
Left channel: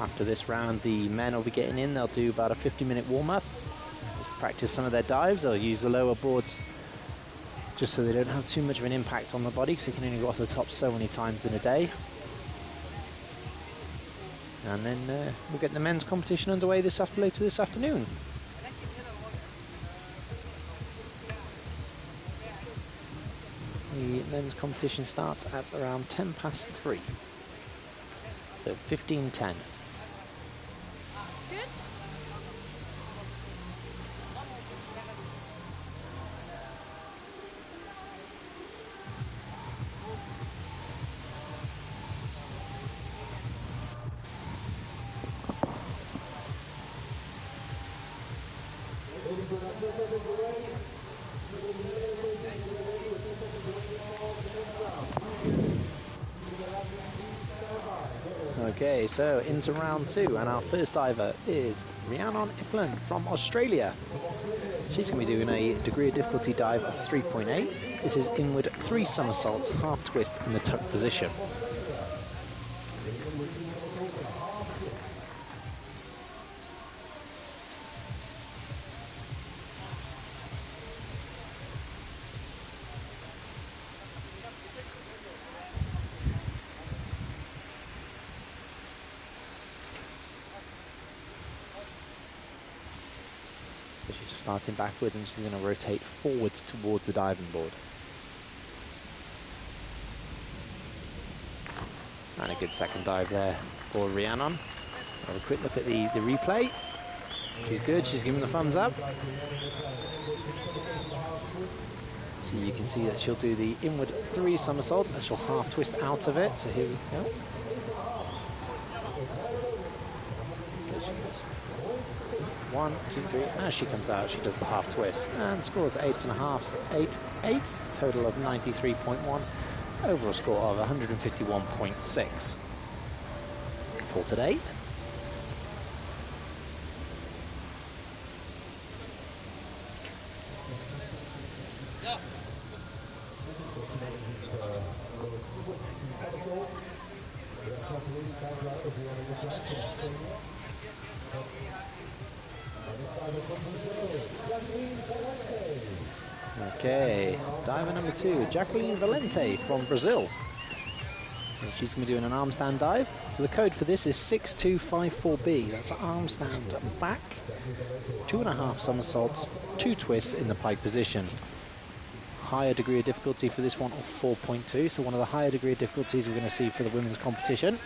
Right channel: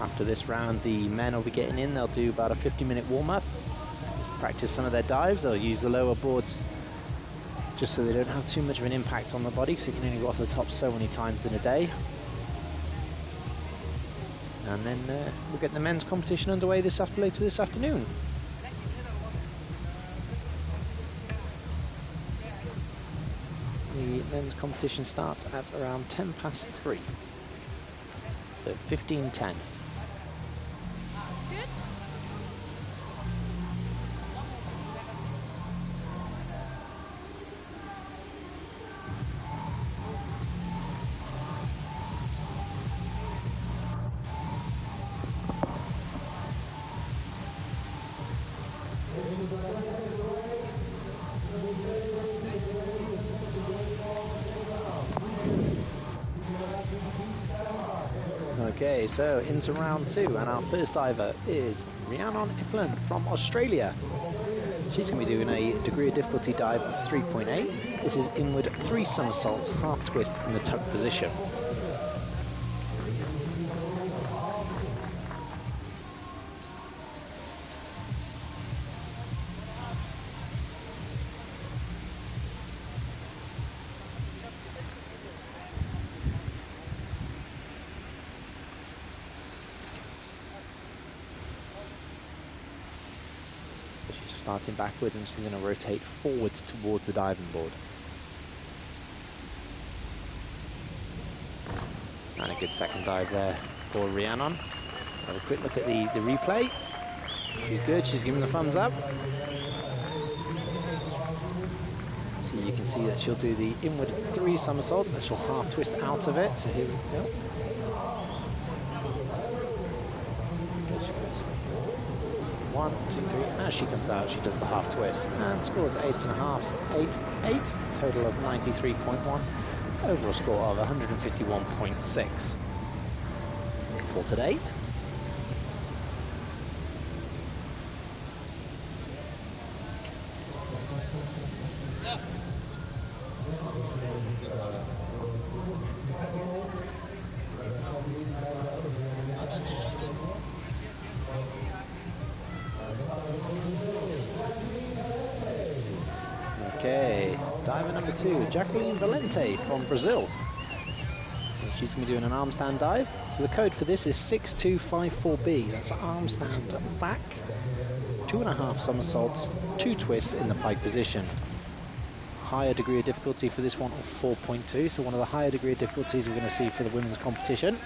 After this round, the men will be getting in. They'll do about a 50-minute warm-up. Just practice some of their dives. They'll use the lower boards just so they don't have too much of an impact on the body, because you can only go off the top so many times in a day. And then we'll get the men's competition underway later this afternoon. The men's competition starts at around 3:10. So 15:10. Good. Okay, so into round 2, and our first diver is Rhiannon Ifland from Australia. She's going to be doing a degree of difficulty dive of 3.8. This is inward 3 somersaults, half twist in the tuck position. She's starting backwards and she's going to rotate forwards towards the diving board. And a good second dive there for Rhiannon. Have a quick look at the replay. She's good, she's giving the thumbs up. So you can see that she'll do the inward 3 somersaults and she'll half twist out of it. So here we go. There she goes. 1, 2, 3. As she comes out, she does the half twist and scores 8.5, 8, total of 93.1. Overall score of 151.6 for today. Okay, diver number 2, Jacqueline Valente from Brazil. And she's going to be doing an arm stand dive. So the code for this is 6254B. That's arm stand back, 2.5 somersaults, 2 twists in the pike position. Higher degree of difficulty for this one of 4.2, so one of the higher degree of difficulties we're going to see for the women's competition.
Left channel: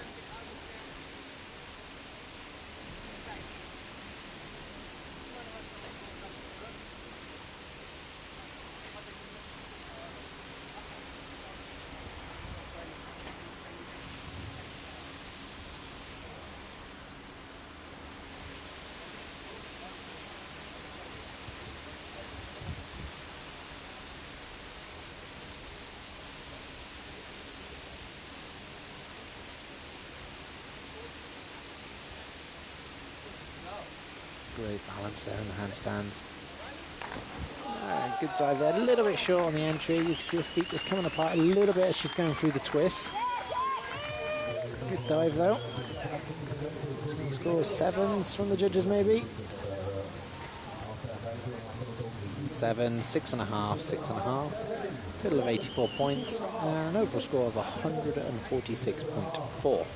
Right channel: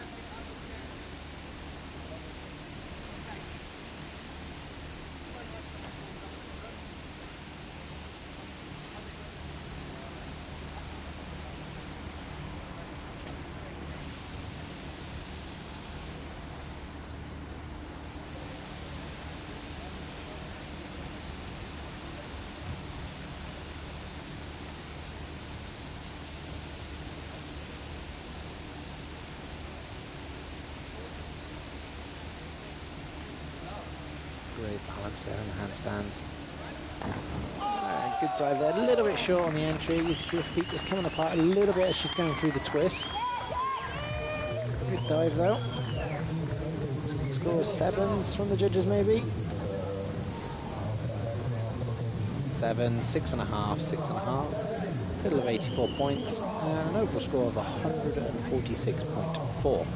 Great balance there in the handstand. Good dive there, a little bit short on the entry. You can see her feet just coming apart a little bit as she's going through the twist. Good dive though. It's going to score 7s from the judges maybe. 7, 6.5, 6.5. Total of 84 points and an overall score of 146.4.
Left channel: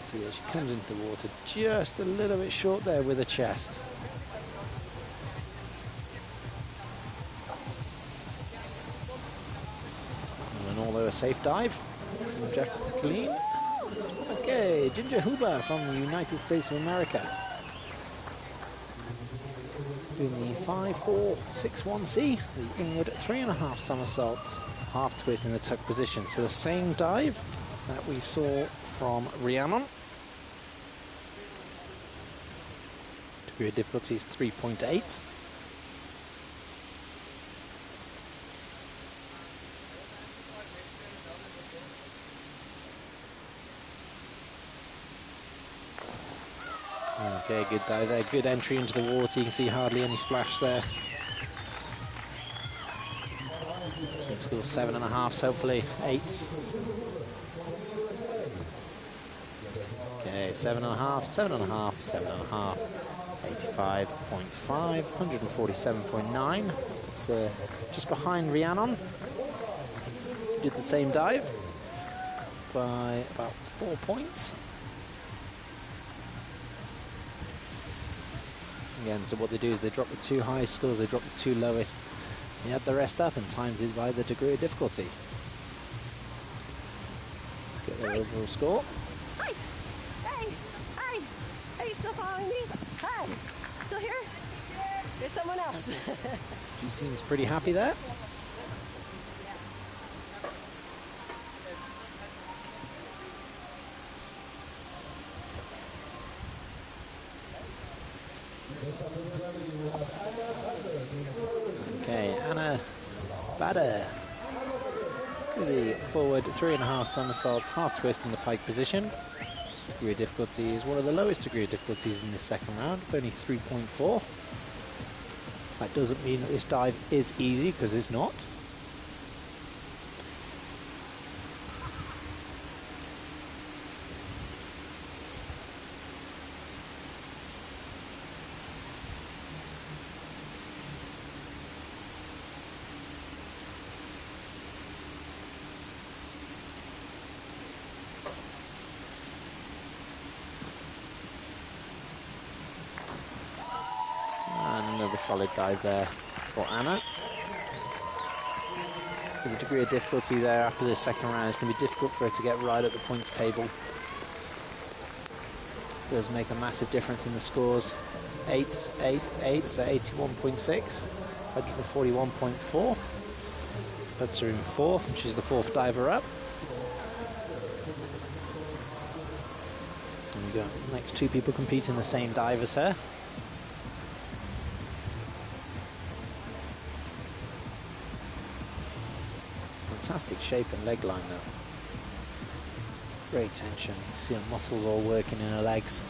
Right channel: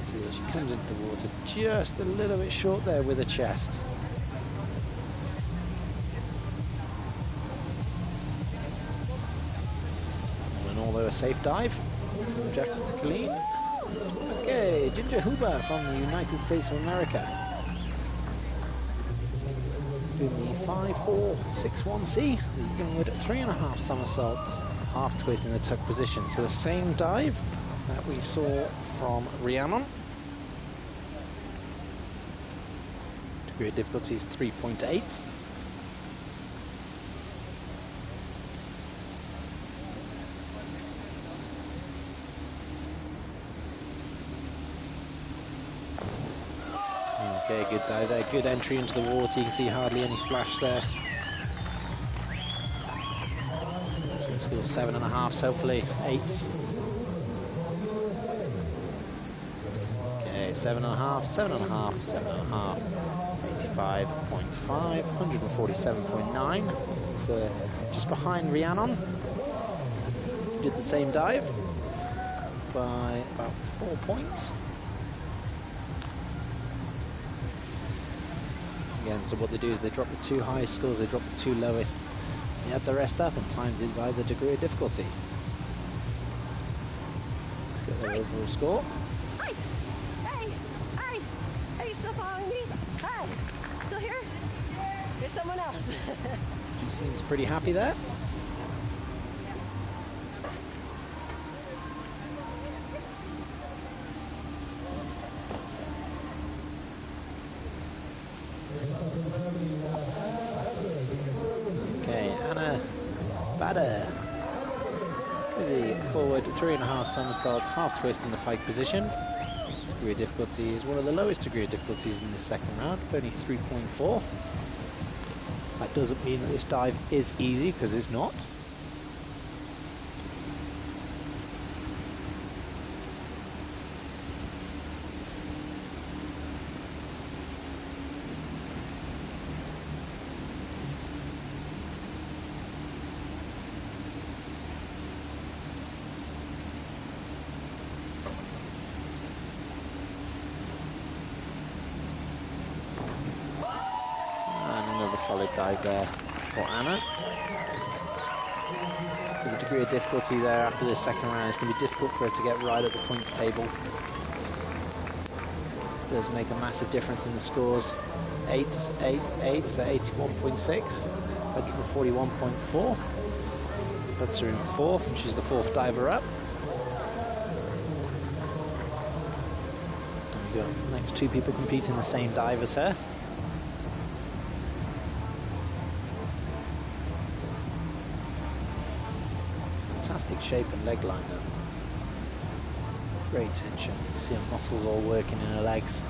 See that she comes into the water just a little bit short there with her chest. safe dive from Jacqueline. Okay, Ginger Huber from the United States of America. Doing the 5-4-6-1C, the inward 3.5 somersaults, half twist in the tuck position. So the same dive that we saw from Rhiannon. Degree of difficulty is 3.8. Okay, good dive there, good entry into the water. You can see hardly any splash there. She's going to score 7.5, hopefully 8s. Okay, 7.5, 7.5, 7.5. 85.5, 147.9. It's just behind Rhiannon, who did the same dive by about 4 points. Again, so what they do is they drop the 2 highest scores, they drop the 2 lowest, they add the rest up and times it by the degree of difficulty. Let's get their overall score. Hi! Hey! Hi! Are you still following me? Hi! Still here? There's someone else. She seems pretty happy there. Okay, Anna Bader with the forward 3.5 somersaults, half twist in the pike position. Degree of difficulty is one of the lowest degree of difficulties in this second round, only 3.4. That doesn't mean that this dive is easy, because it's not. Another solid dive there for Anna. With the degree of difficulty there after this second round, it's going to be difficult for her to get right at the points table. It does make a massive difference in the scores. 8, 8, 8, so 81.6, 141.4. Puts her in 4th, and she's the 4th diver up. And we got the next 2 people competing the same dive as her. Fantastic shape and leg line though. Great tension. You see her muscles all working in her legs.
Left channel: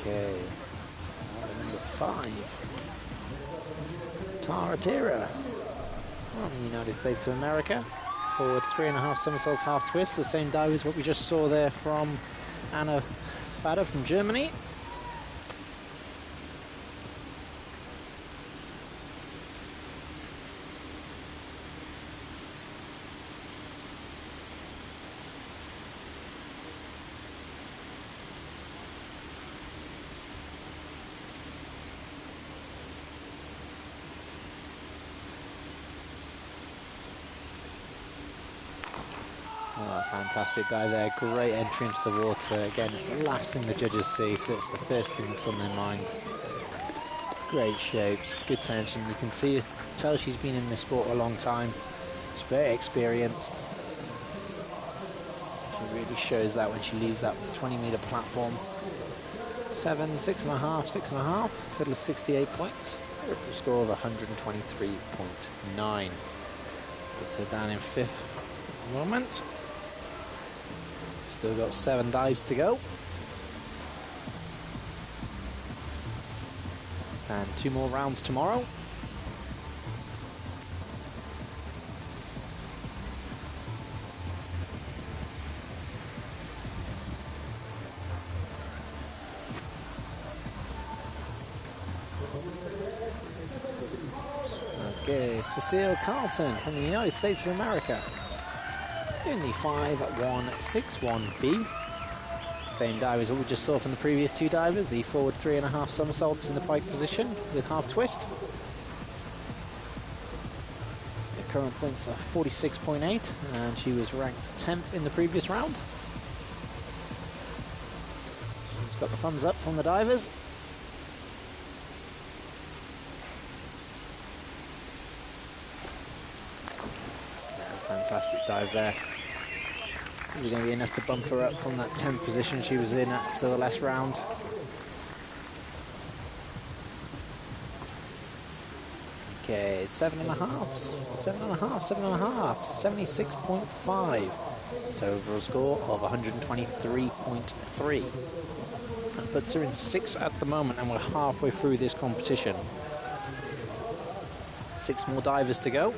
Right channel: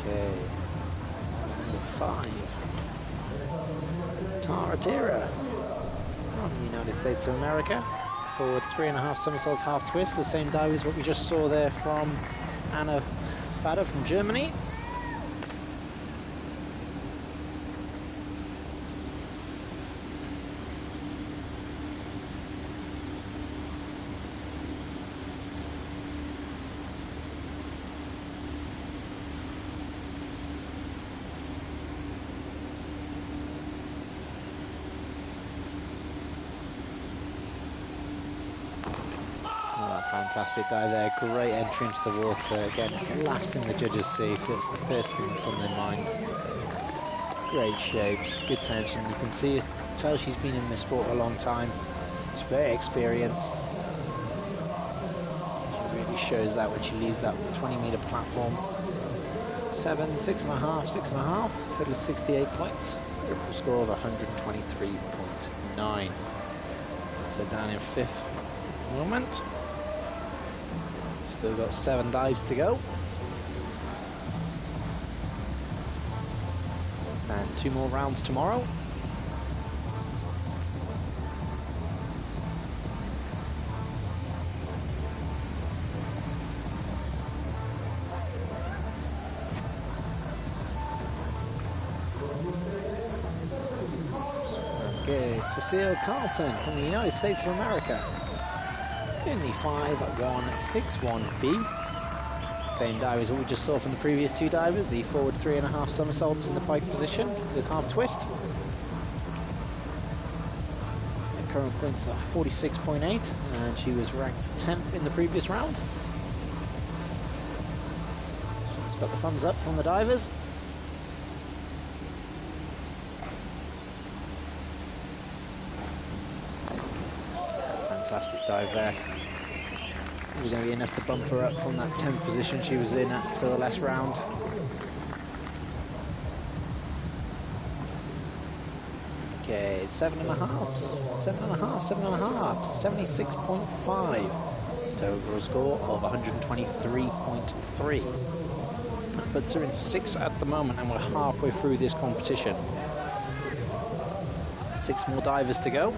Okay. Number 5. Tara Tira from the United States of America. Forward 3.5 somersaults, half twist. The same dive as what we just saw there from Anna Bader from Germany. Oh, fantastic dive there, great entry into the water. Again, it's the last thing the judges see, so it's the first thing that's on their mind. Great shapes, good tension. You can tell she's been in this sport a long time. She's very experienced. She really shows that when she leaves that 20-meter platform. 7, 6.5, 6.5, total of 68 points. Overall score of 123.9. Puts her down in 5th at the moment. Still got 7 dives to go. And 2 more rounds tomorrow. Okay, Cecile Carlton from the United States of America in the 5-1-6-1B. Same dive as what we just saw from the previous two divers, the forward 3.5 somersaults in the pike position with half twist. Her current points are 46.8, and she was ranked 10th in the previous round. She's got the thumbs up from the divers. Fantastic dive there. Is it going to be enough to bump her up from that 10th position she was in after the last round? Okay, 7.5, 76.5 to overall score of 123.3. That puts her in 6th at the moment, and we're halfway through this competition. 6 more divers to go.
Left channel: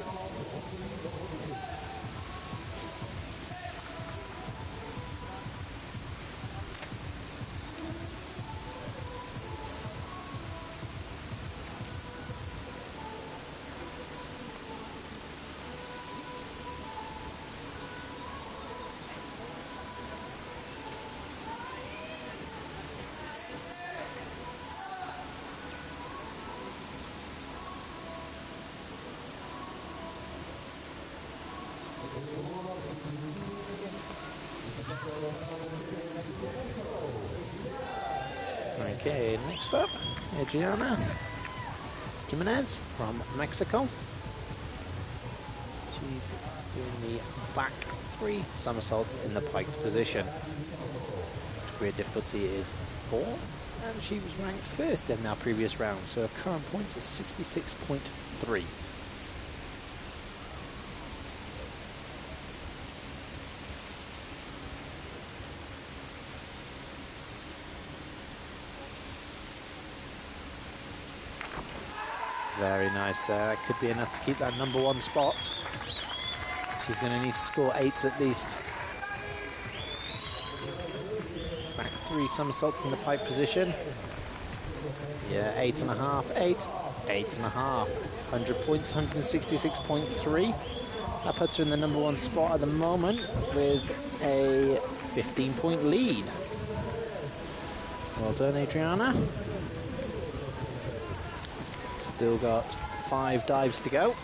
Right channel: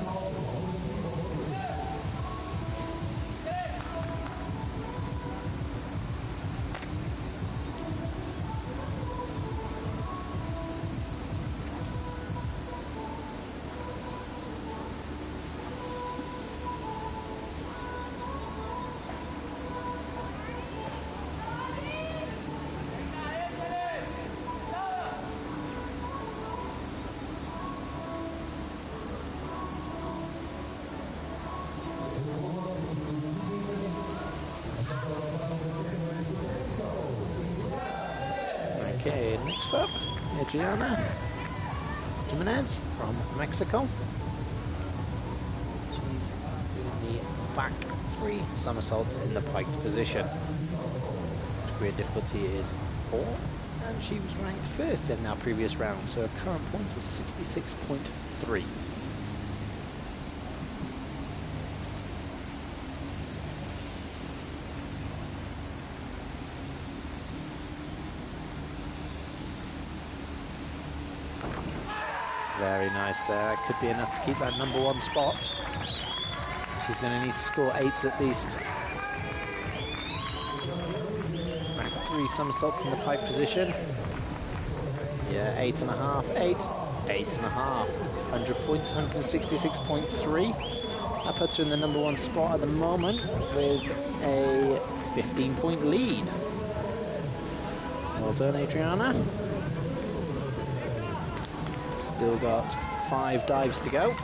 Okay, next up, Adriana Jimenez from Mexico. She's doing the back 3 somersaults in the piked position. Degree of difficulty is 4, and she was ranked 1st in our previous round, so her current points are 66.3. Very nice there. That could be enough to keep that #1 spot. She's going to need to score 8s at least. Back 3 somersaults in the pike position. Yeah, 8.5, 8, 8.5. 100 points, 166.3. That puts her in the #1 spot at the moment with a 15-point lead. Well done, Adriana. Still got 5 dives to go.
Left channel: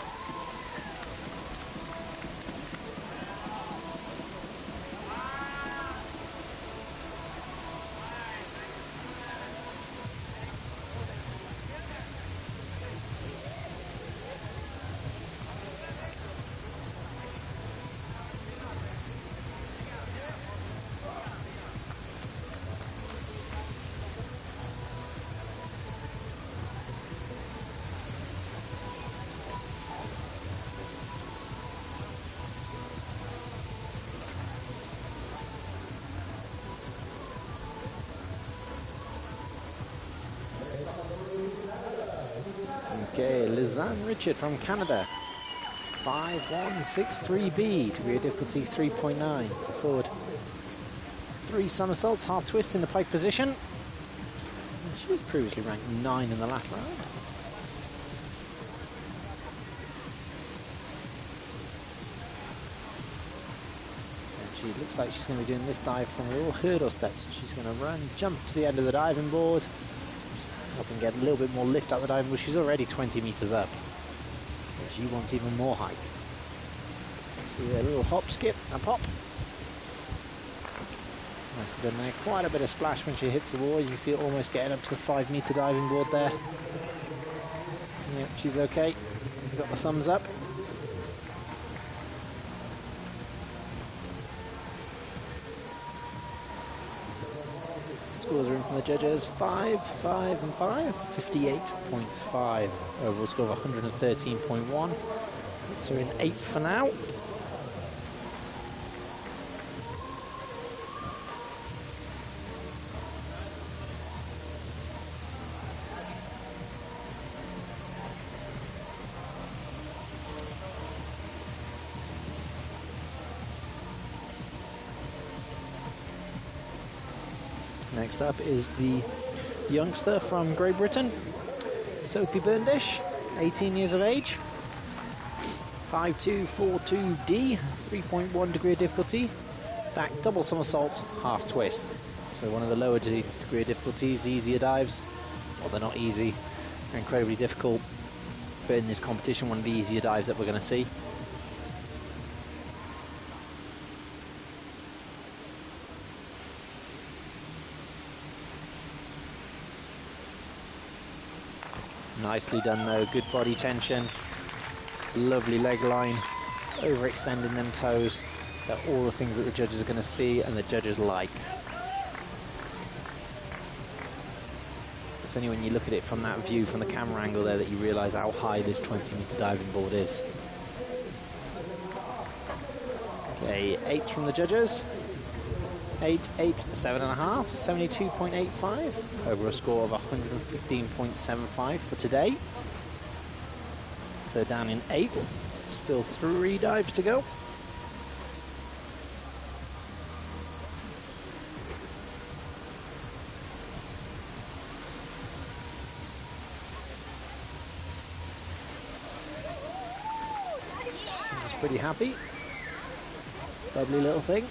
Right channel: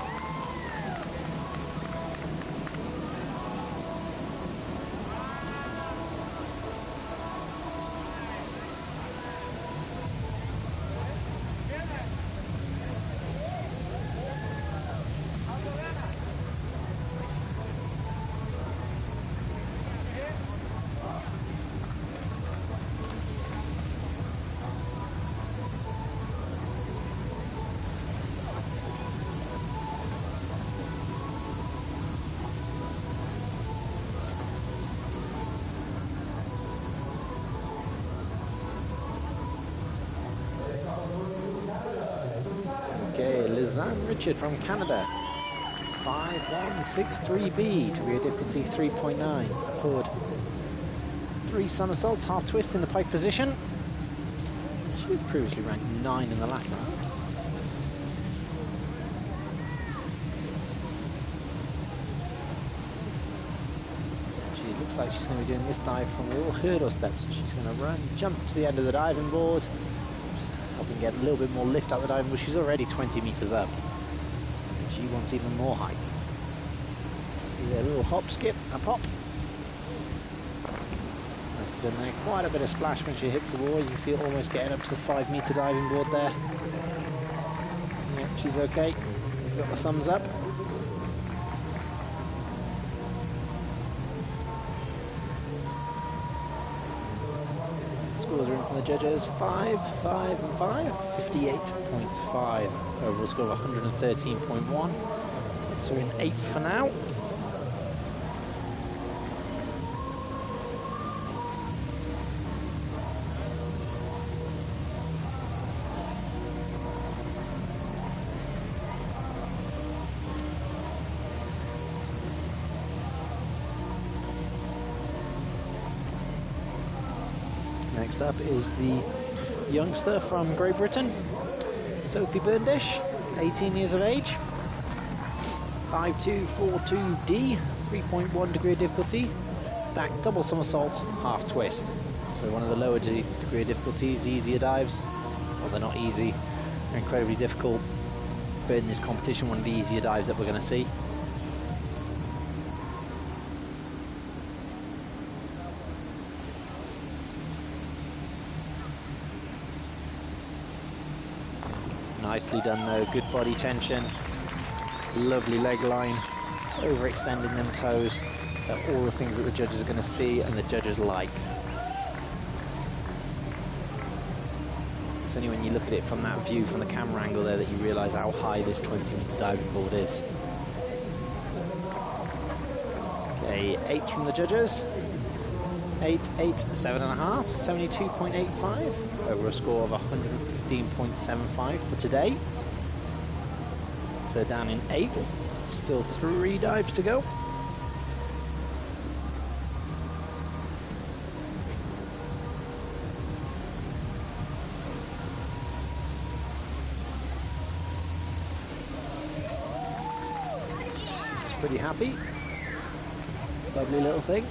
Okay, Lizanne Richard from Canada. 5163B, degree of difficulty 3.9 for forward. 3 somersaults, half twist in the pike position. She was previously ranked 9 in the last round. And she looks like she's going to be doing this dive from a little hurdle step. So she's going to run, jump to the end of the diving board, helping get a little bit more lift out the diving board. She's already 20 meters up. And she wants even more height. See there, little hop, skip, and pop. Nicely done there. Quite a bit of splash when she hits the wall. You can see it almost getting up to the 5-meter diving board there. Yeah, she's okay. Got the thumbs up. Scores are in from the judges. 5, 5, and 5. 58.5. Overall score of 113.1. Puts her in 8th for now. Next up is the youngster from Great Britain, Sophie Burndish, 18 years of age. 5242D, 3.1 degree of difficulty. Back double somersault, half twist. So one of the lower degree of difficulties, easier dives. Well, they're not easy, they're incredibly difficult. But in this competition, one of the easier dives that we're going to see. Nicely done though, good body tension, lovely leg line, overextending them toes. They're all the things that the judges are going to see and the judges like. It's only when you look at it from that view, from the camera angle there, that you realise how high this 20-metre diving board is. Okay, 8 from the judges. 8, 8, 7.5, 72.85. Over a score of 115.75 for today. So down in 8th, still 3 dives to go. She's pretty happy. Lovely little thing.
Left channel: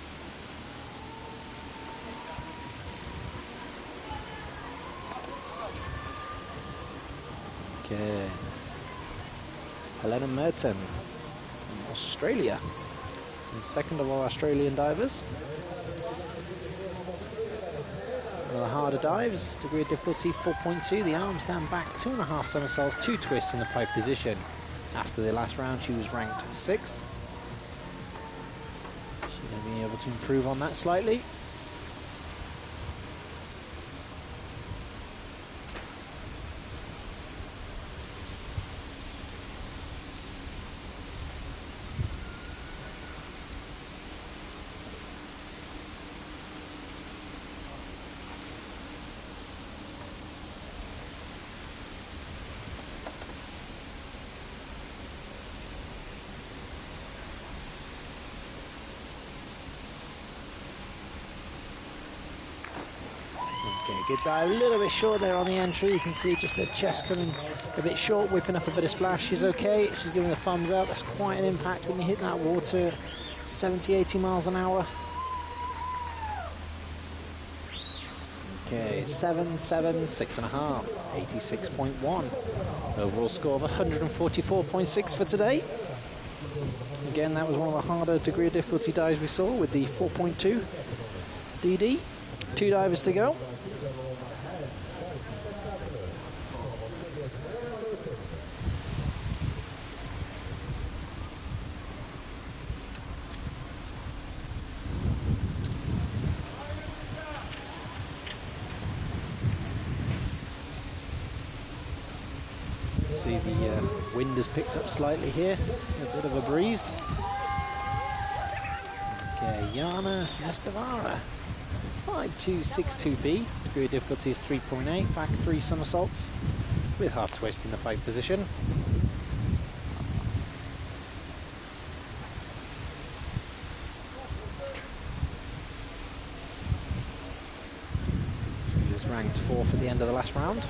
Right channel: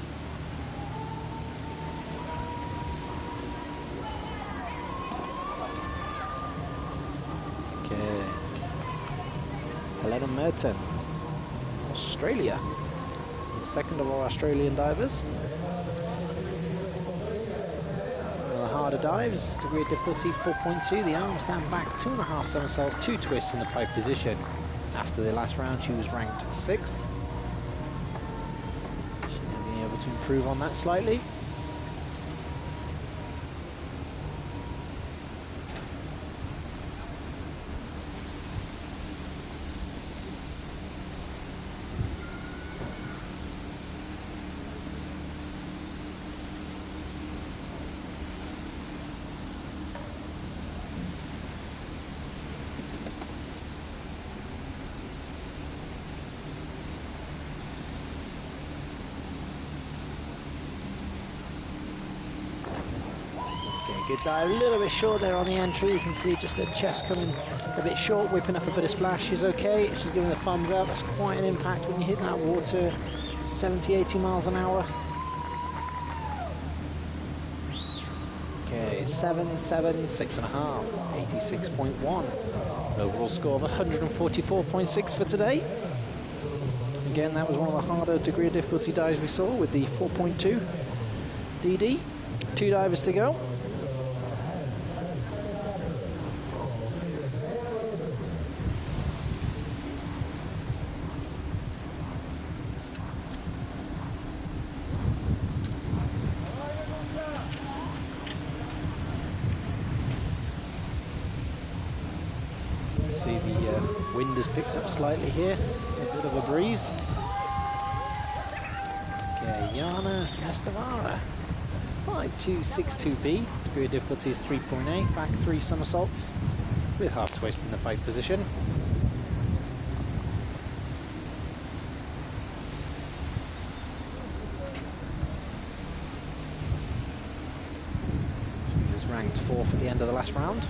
Okay. Helena Merton from Australia. So second of our Australian divers. One of the harder dives, degree of difficulty 4.2. The arms stand back, 2.5 somersaults, 2 twists in the pike position. After the last round, she was ranked 6th. She's going to be able to improve on that slightly. Okay, good dive, a little bit short there on the entry. You can see just her chest coming a bit short, whipping up a bit of splash. She's okay, she's giving the thumbs up. That's quite an impact when you hit that water, 70, 80 miles an hour. Okay, 7, 7, 6.5, 86.1. Overall score of 144.6 for today. Again, that was one of the harder degree of difficulty dives we saw with the 4.2 DD. 2 divers to go. See the wind has picked up slightly here, a bit of a breeze. Okay, Jana Nestavara, 5262B, degree of difficulty is 3.8, back 3 somersaults with half twist in the pike position. She was ranked 4th at the end of the last round.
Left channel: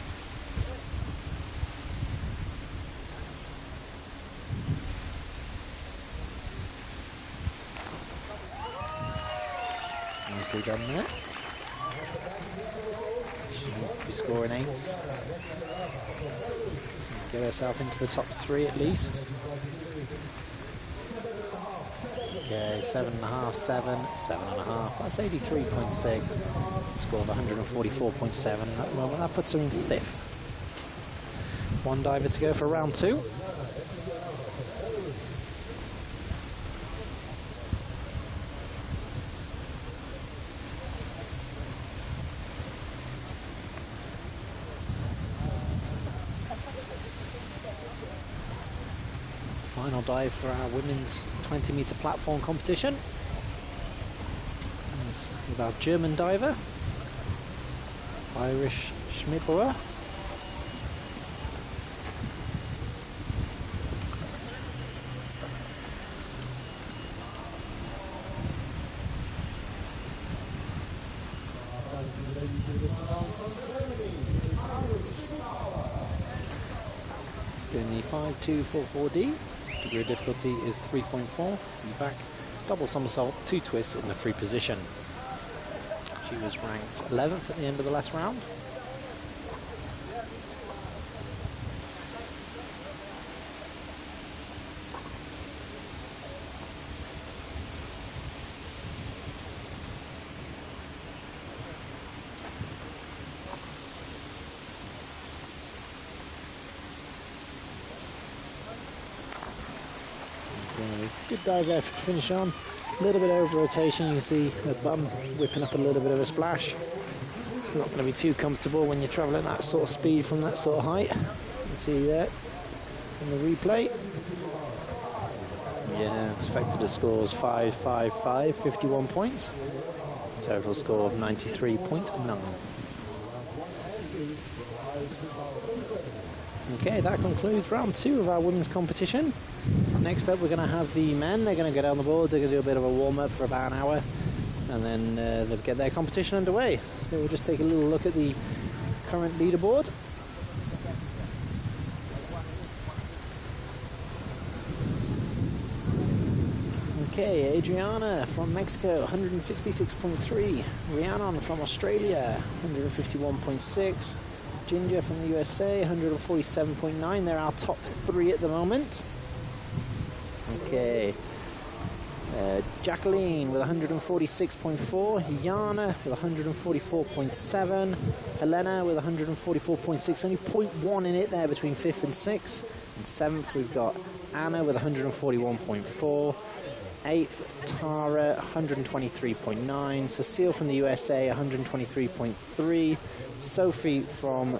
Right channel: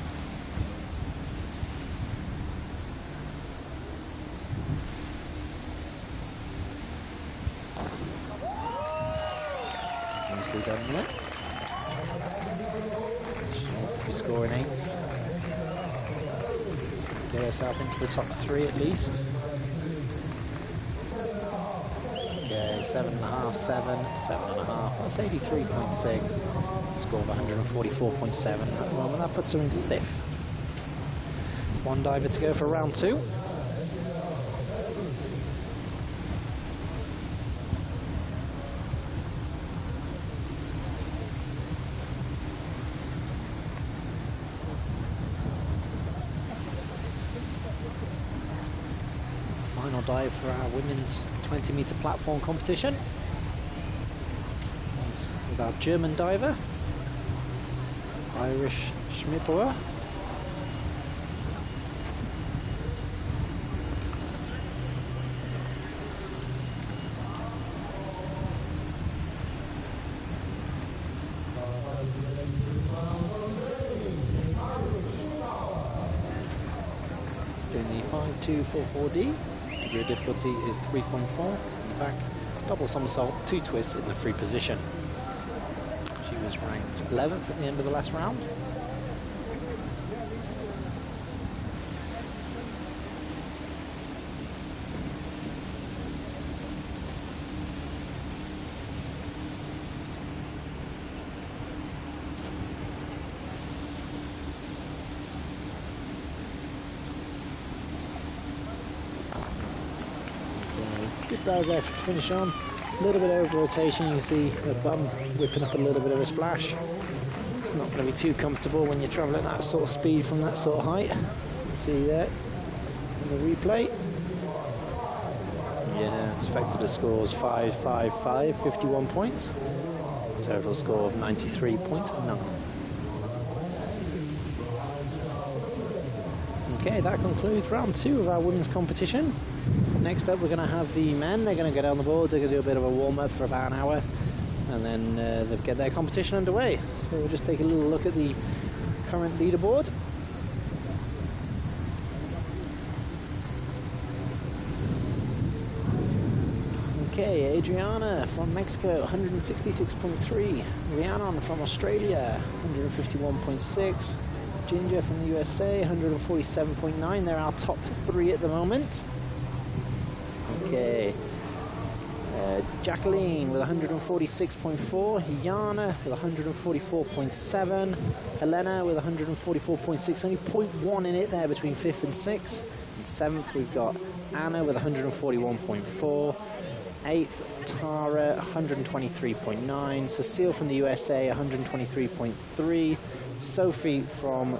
Nicely done there. She needs to be scoring 8s. So get herself into the top 3 at least. Okay, 7.5, 7, 7.5. That's 83.6. Score of 144.7 at the moment. That puts her in 5th. 1 diver to go for round 2. Final dive for our women's 20-metre platform competition. That's with our German diver, Irish Schmidbauer. Doing the 5244D. Degree of difficulty is 3.4. Knee back, double somersault, 2 twists in the free position. She was ranked 11th at the end of the last round. Good dive there to finish on. A little bit over rotation. You can see her bum whipping up a little bit of a splash. It's not going to be too comfortable when you're traveling at that sort of speed from that sort of height. You can see there in the replay. Yeah, it's affected the scores 5-5-5, 51 points. Total score of 93.9. Okay, that concludes round 2 of our women's competition. Next up, we're going to have the men. They're going to get on the boards. They're going to do a bit of a warm-up for about an hour, and then they'll get their competition underway. So we'll just take a little look at the current leaderboard. Okay, Adriana from Mexico, 166.3. Rhiannon from Australia, 151.6. Ginger from the USA, 147.9. They're our top 3 at the moment. Okay. Jacqueline with 146.4. Yana with 144.7. Helena with 144.6. Only 0.1 in it there between 5th and 6th. And 7th, we've got Anna with 141.4. 8th, Tara, 123.9. Cecile from the USA, 123.3. Sophie from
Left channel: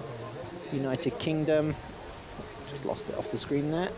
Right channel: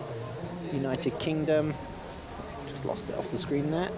United Kingdom, just lost it off the screen there.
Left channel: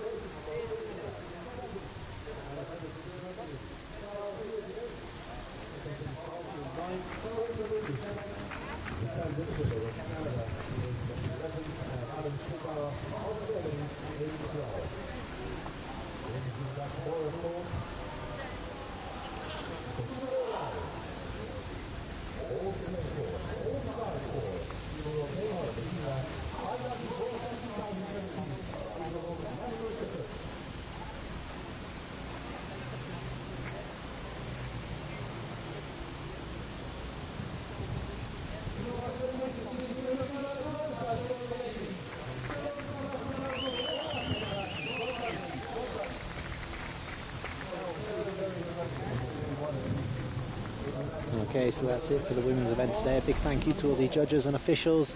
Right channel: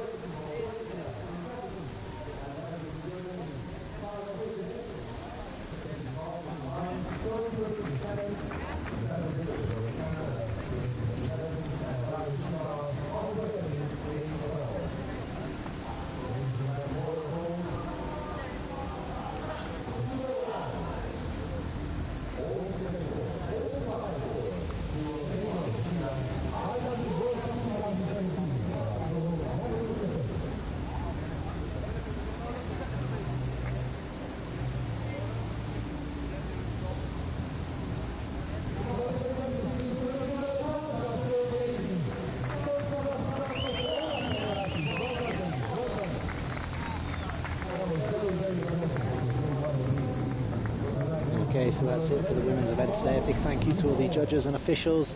Okay, so that's it for the women's event today. A big thank you to all the judges and officials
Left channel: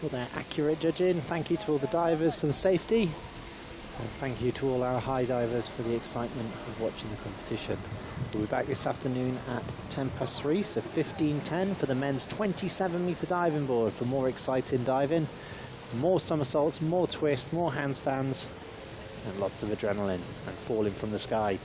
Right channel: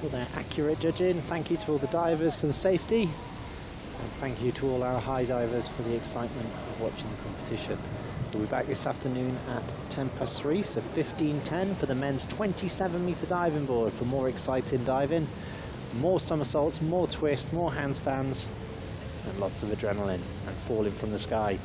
for their accurate judging. Thank you to all the divers for the safety. And thank you to all our high divers for the excitement of watching the competition. We'll be back this afternoon at 3:10, so 15:10 for the men's 27-meter diving board for more exciting diving, more somersaults, more twists, more handstands, and lots of adrenaline and falling from the sky.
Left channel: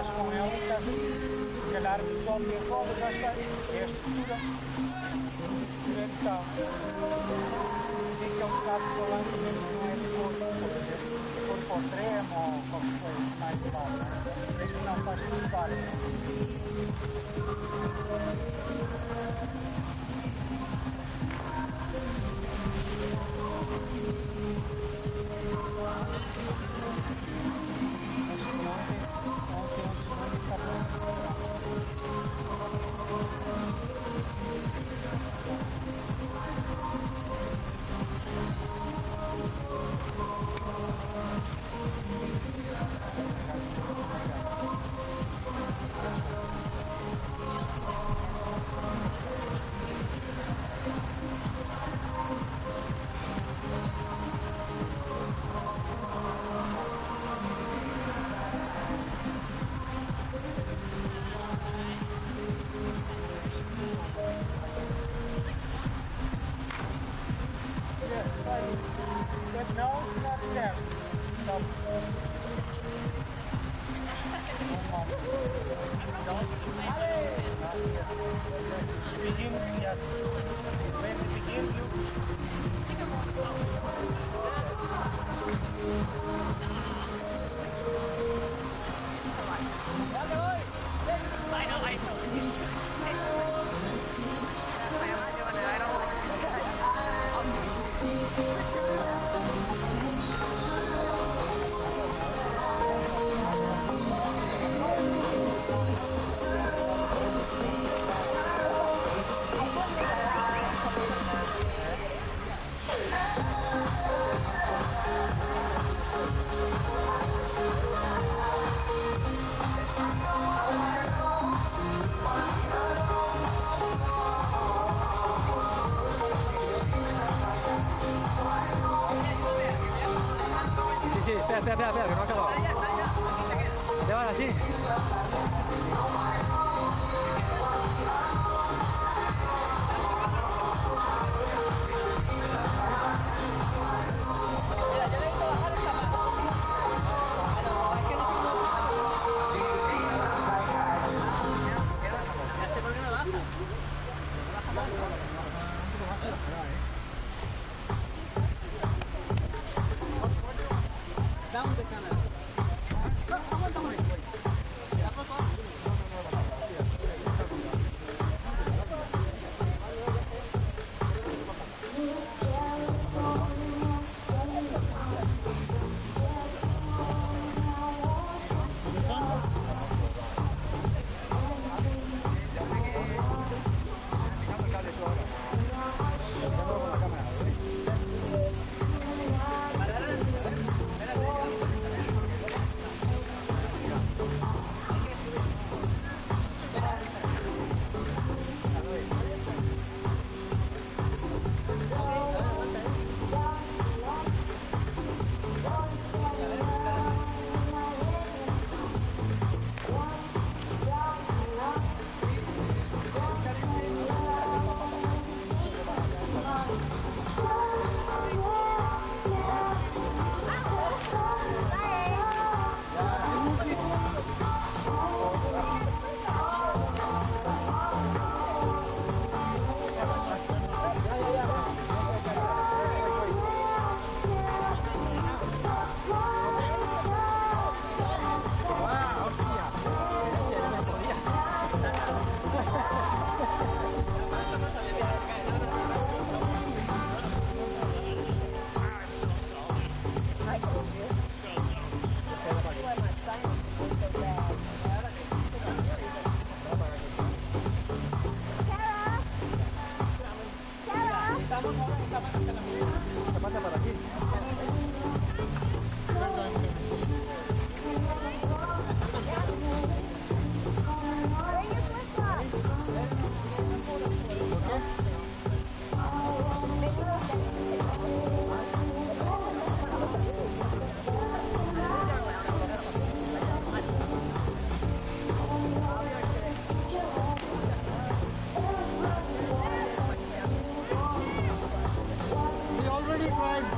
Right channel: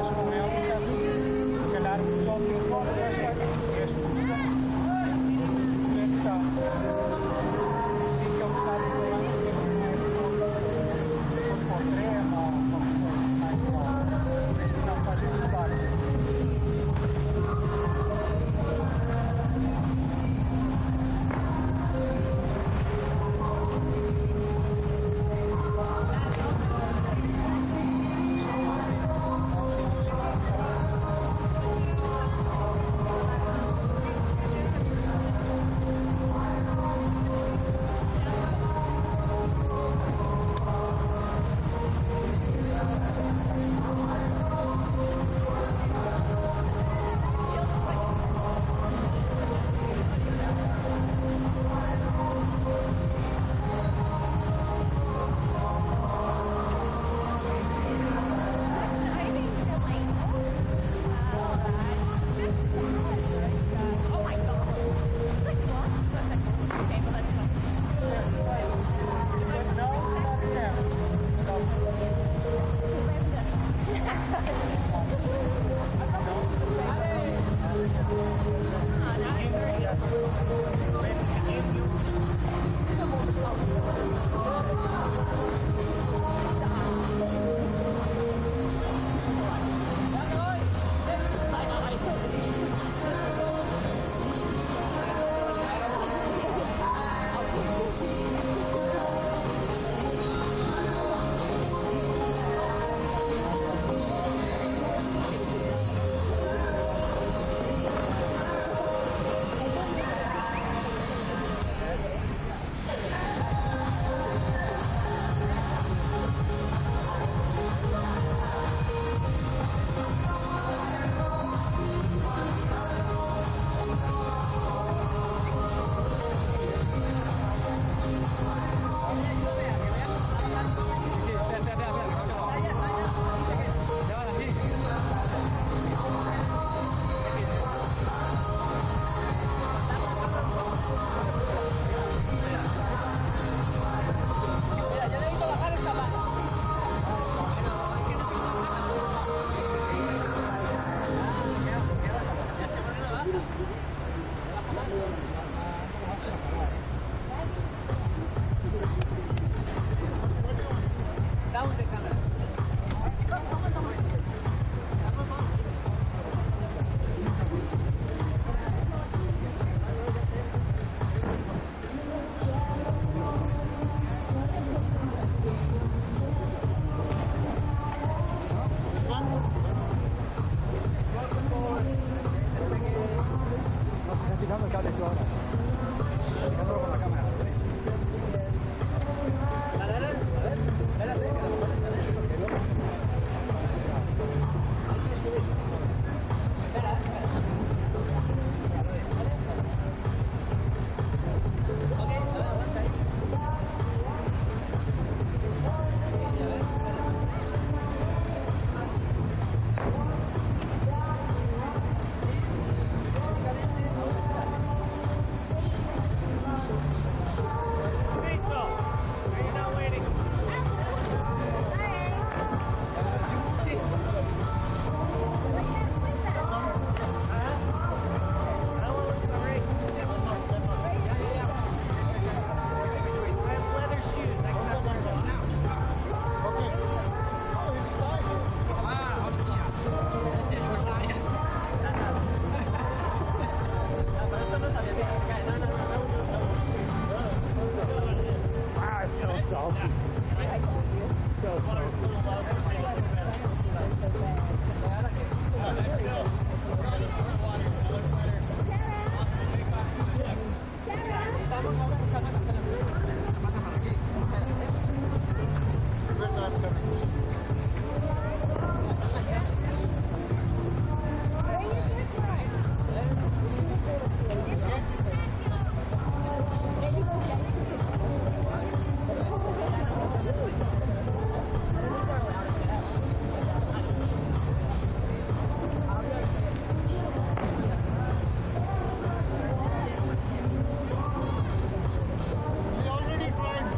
estás com ele, estás, se calhar o pessoal pensa, olha, o gajo está, é esta postura, como é que está? Se vê que é um bocado de balanço, mesmo que não é de corpo, se for para o tremo ou qualquer coisa mais mal, este não faz estudar.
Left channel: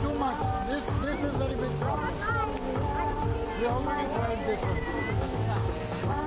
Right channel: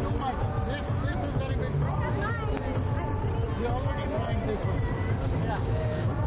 Too much. This is very big problem. We already tried this one.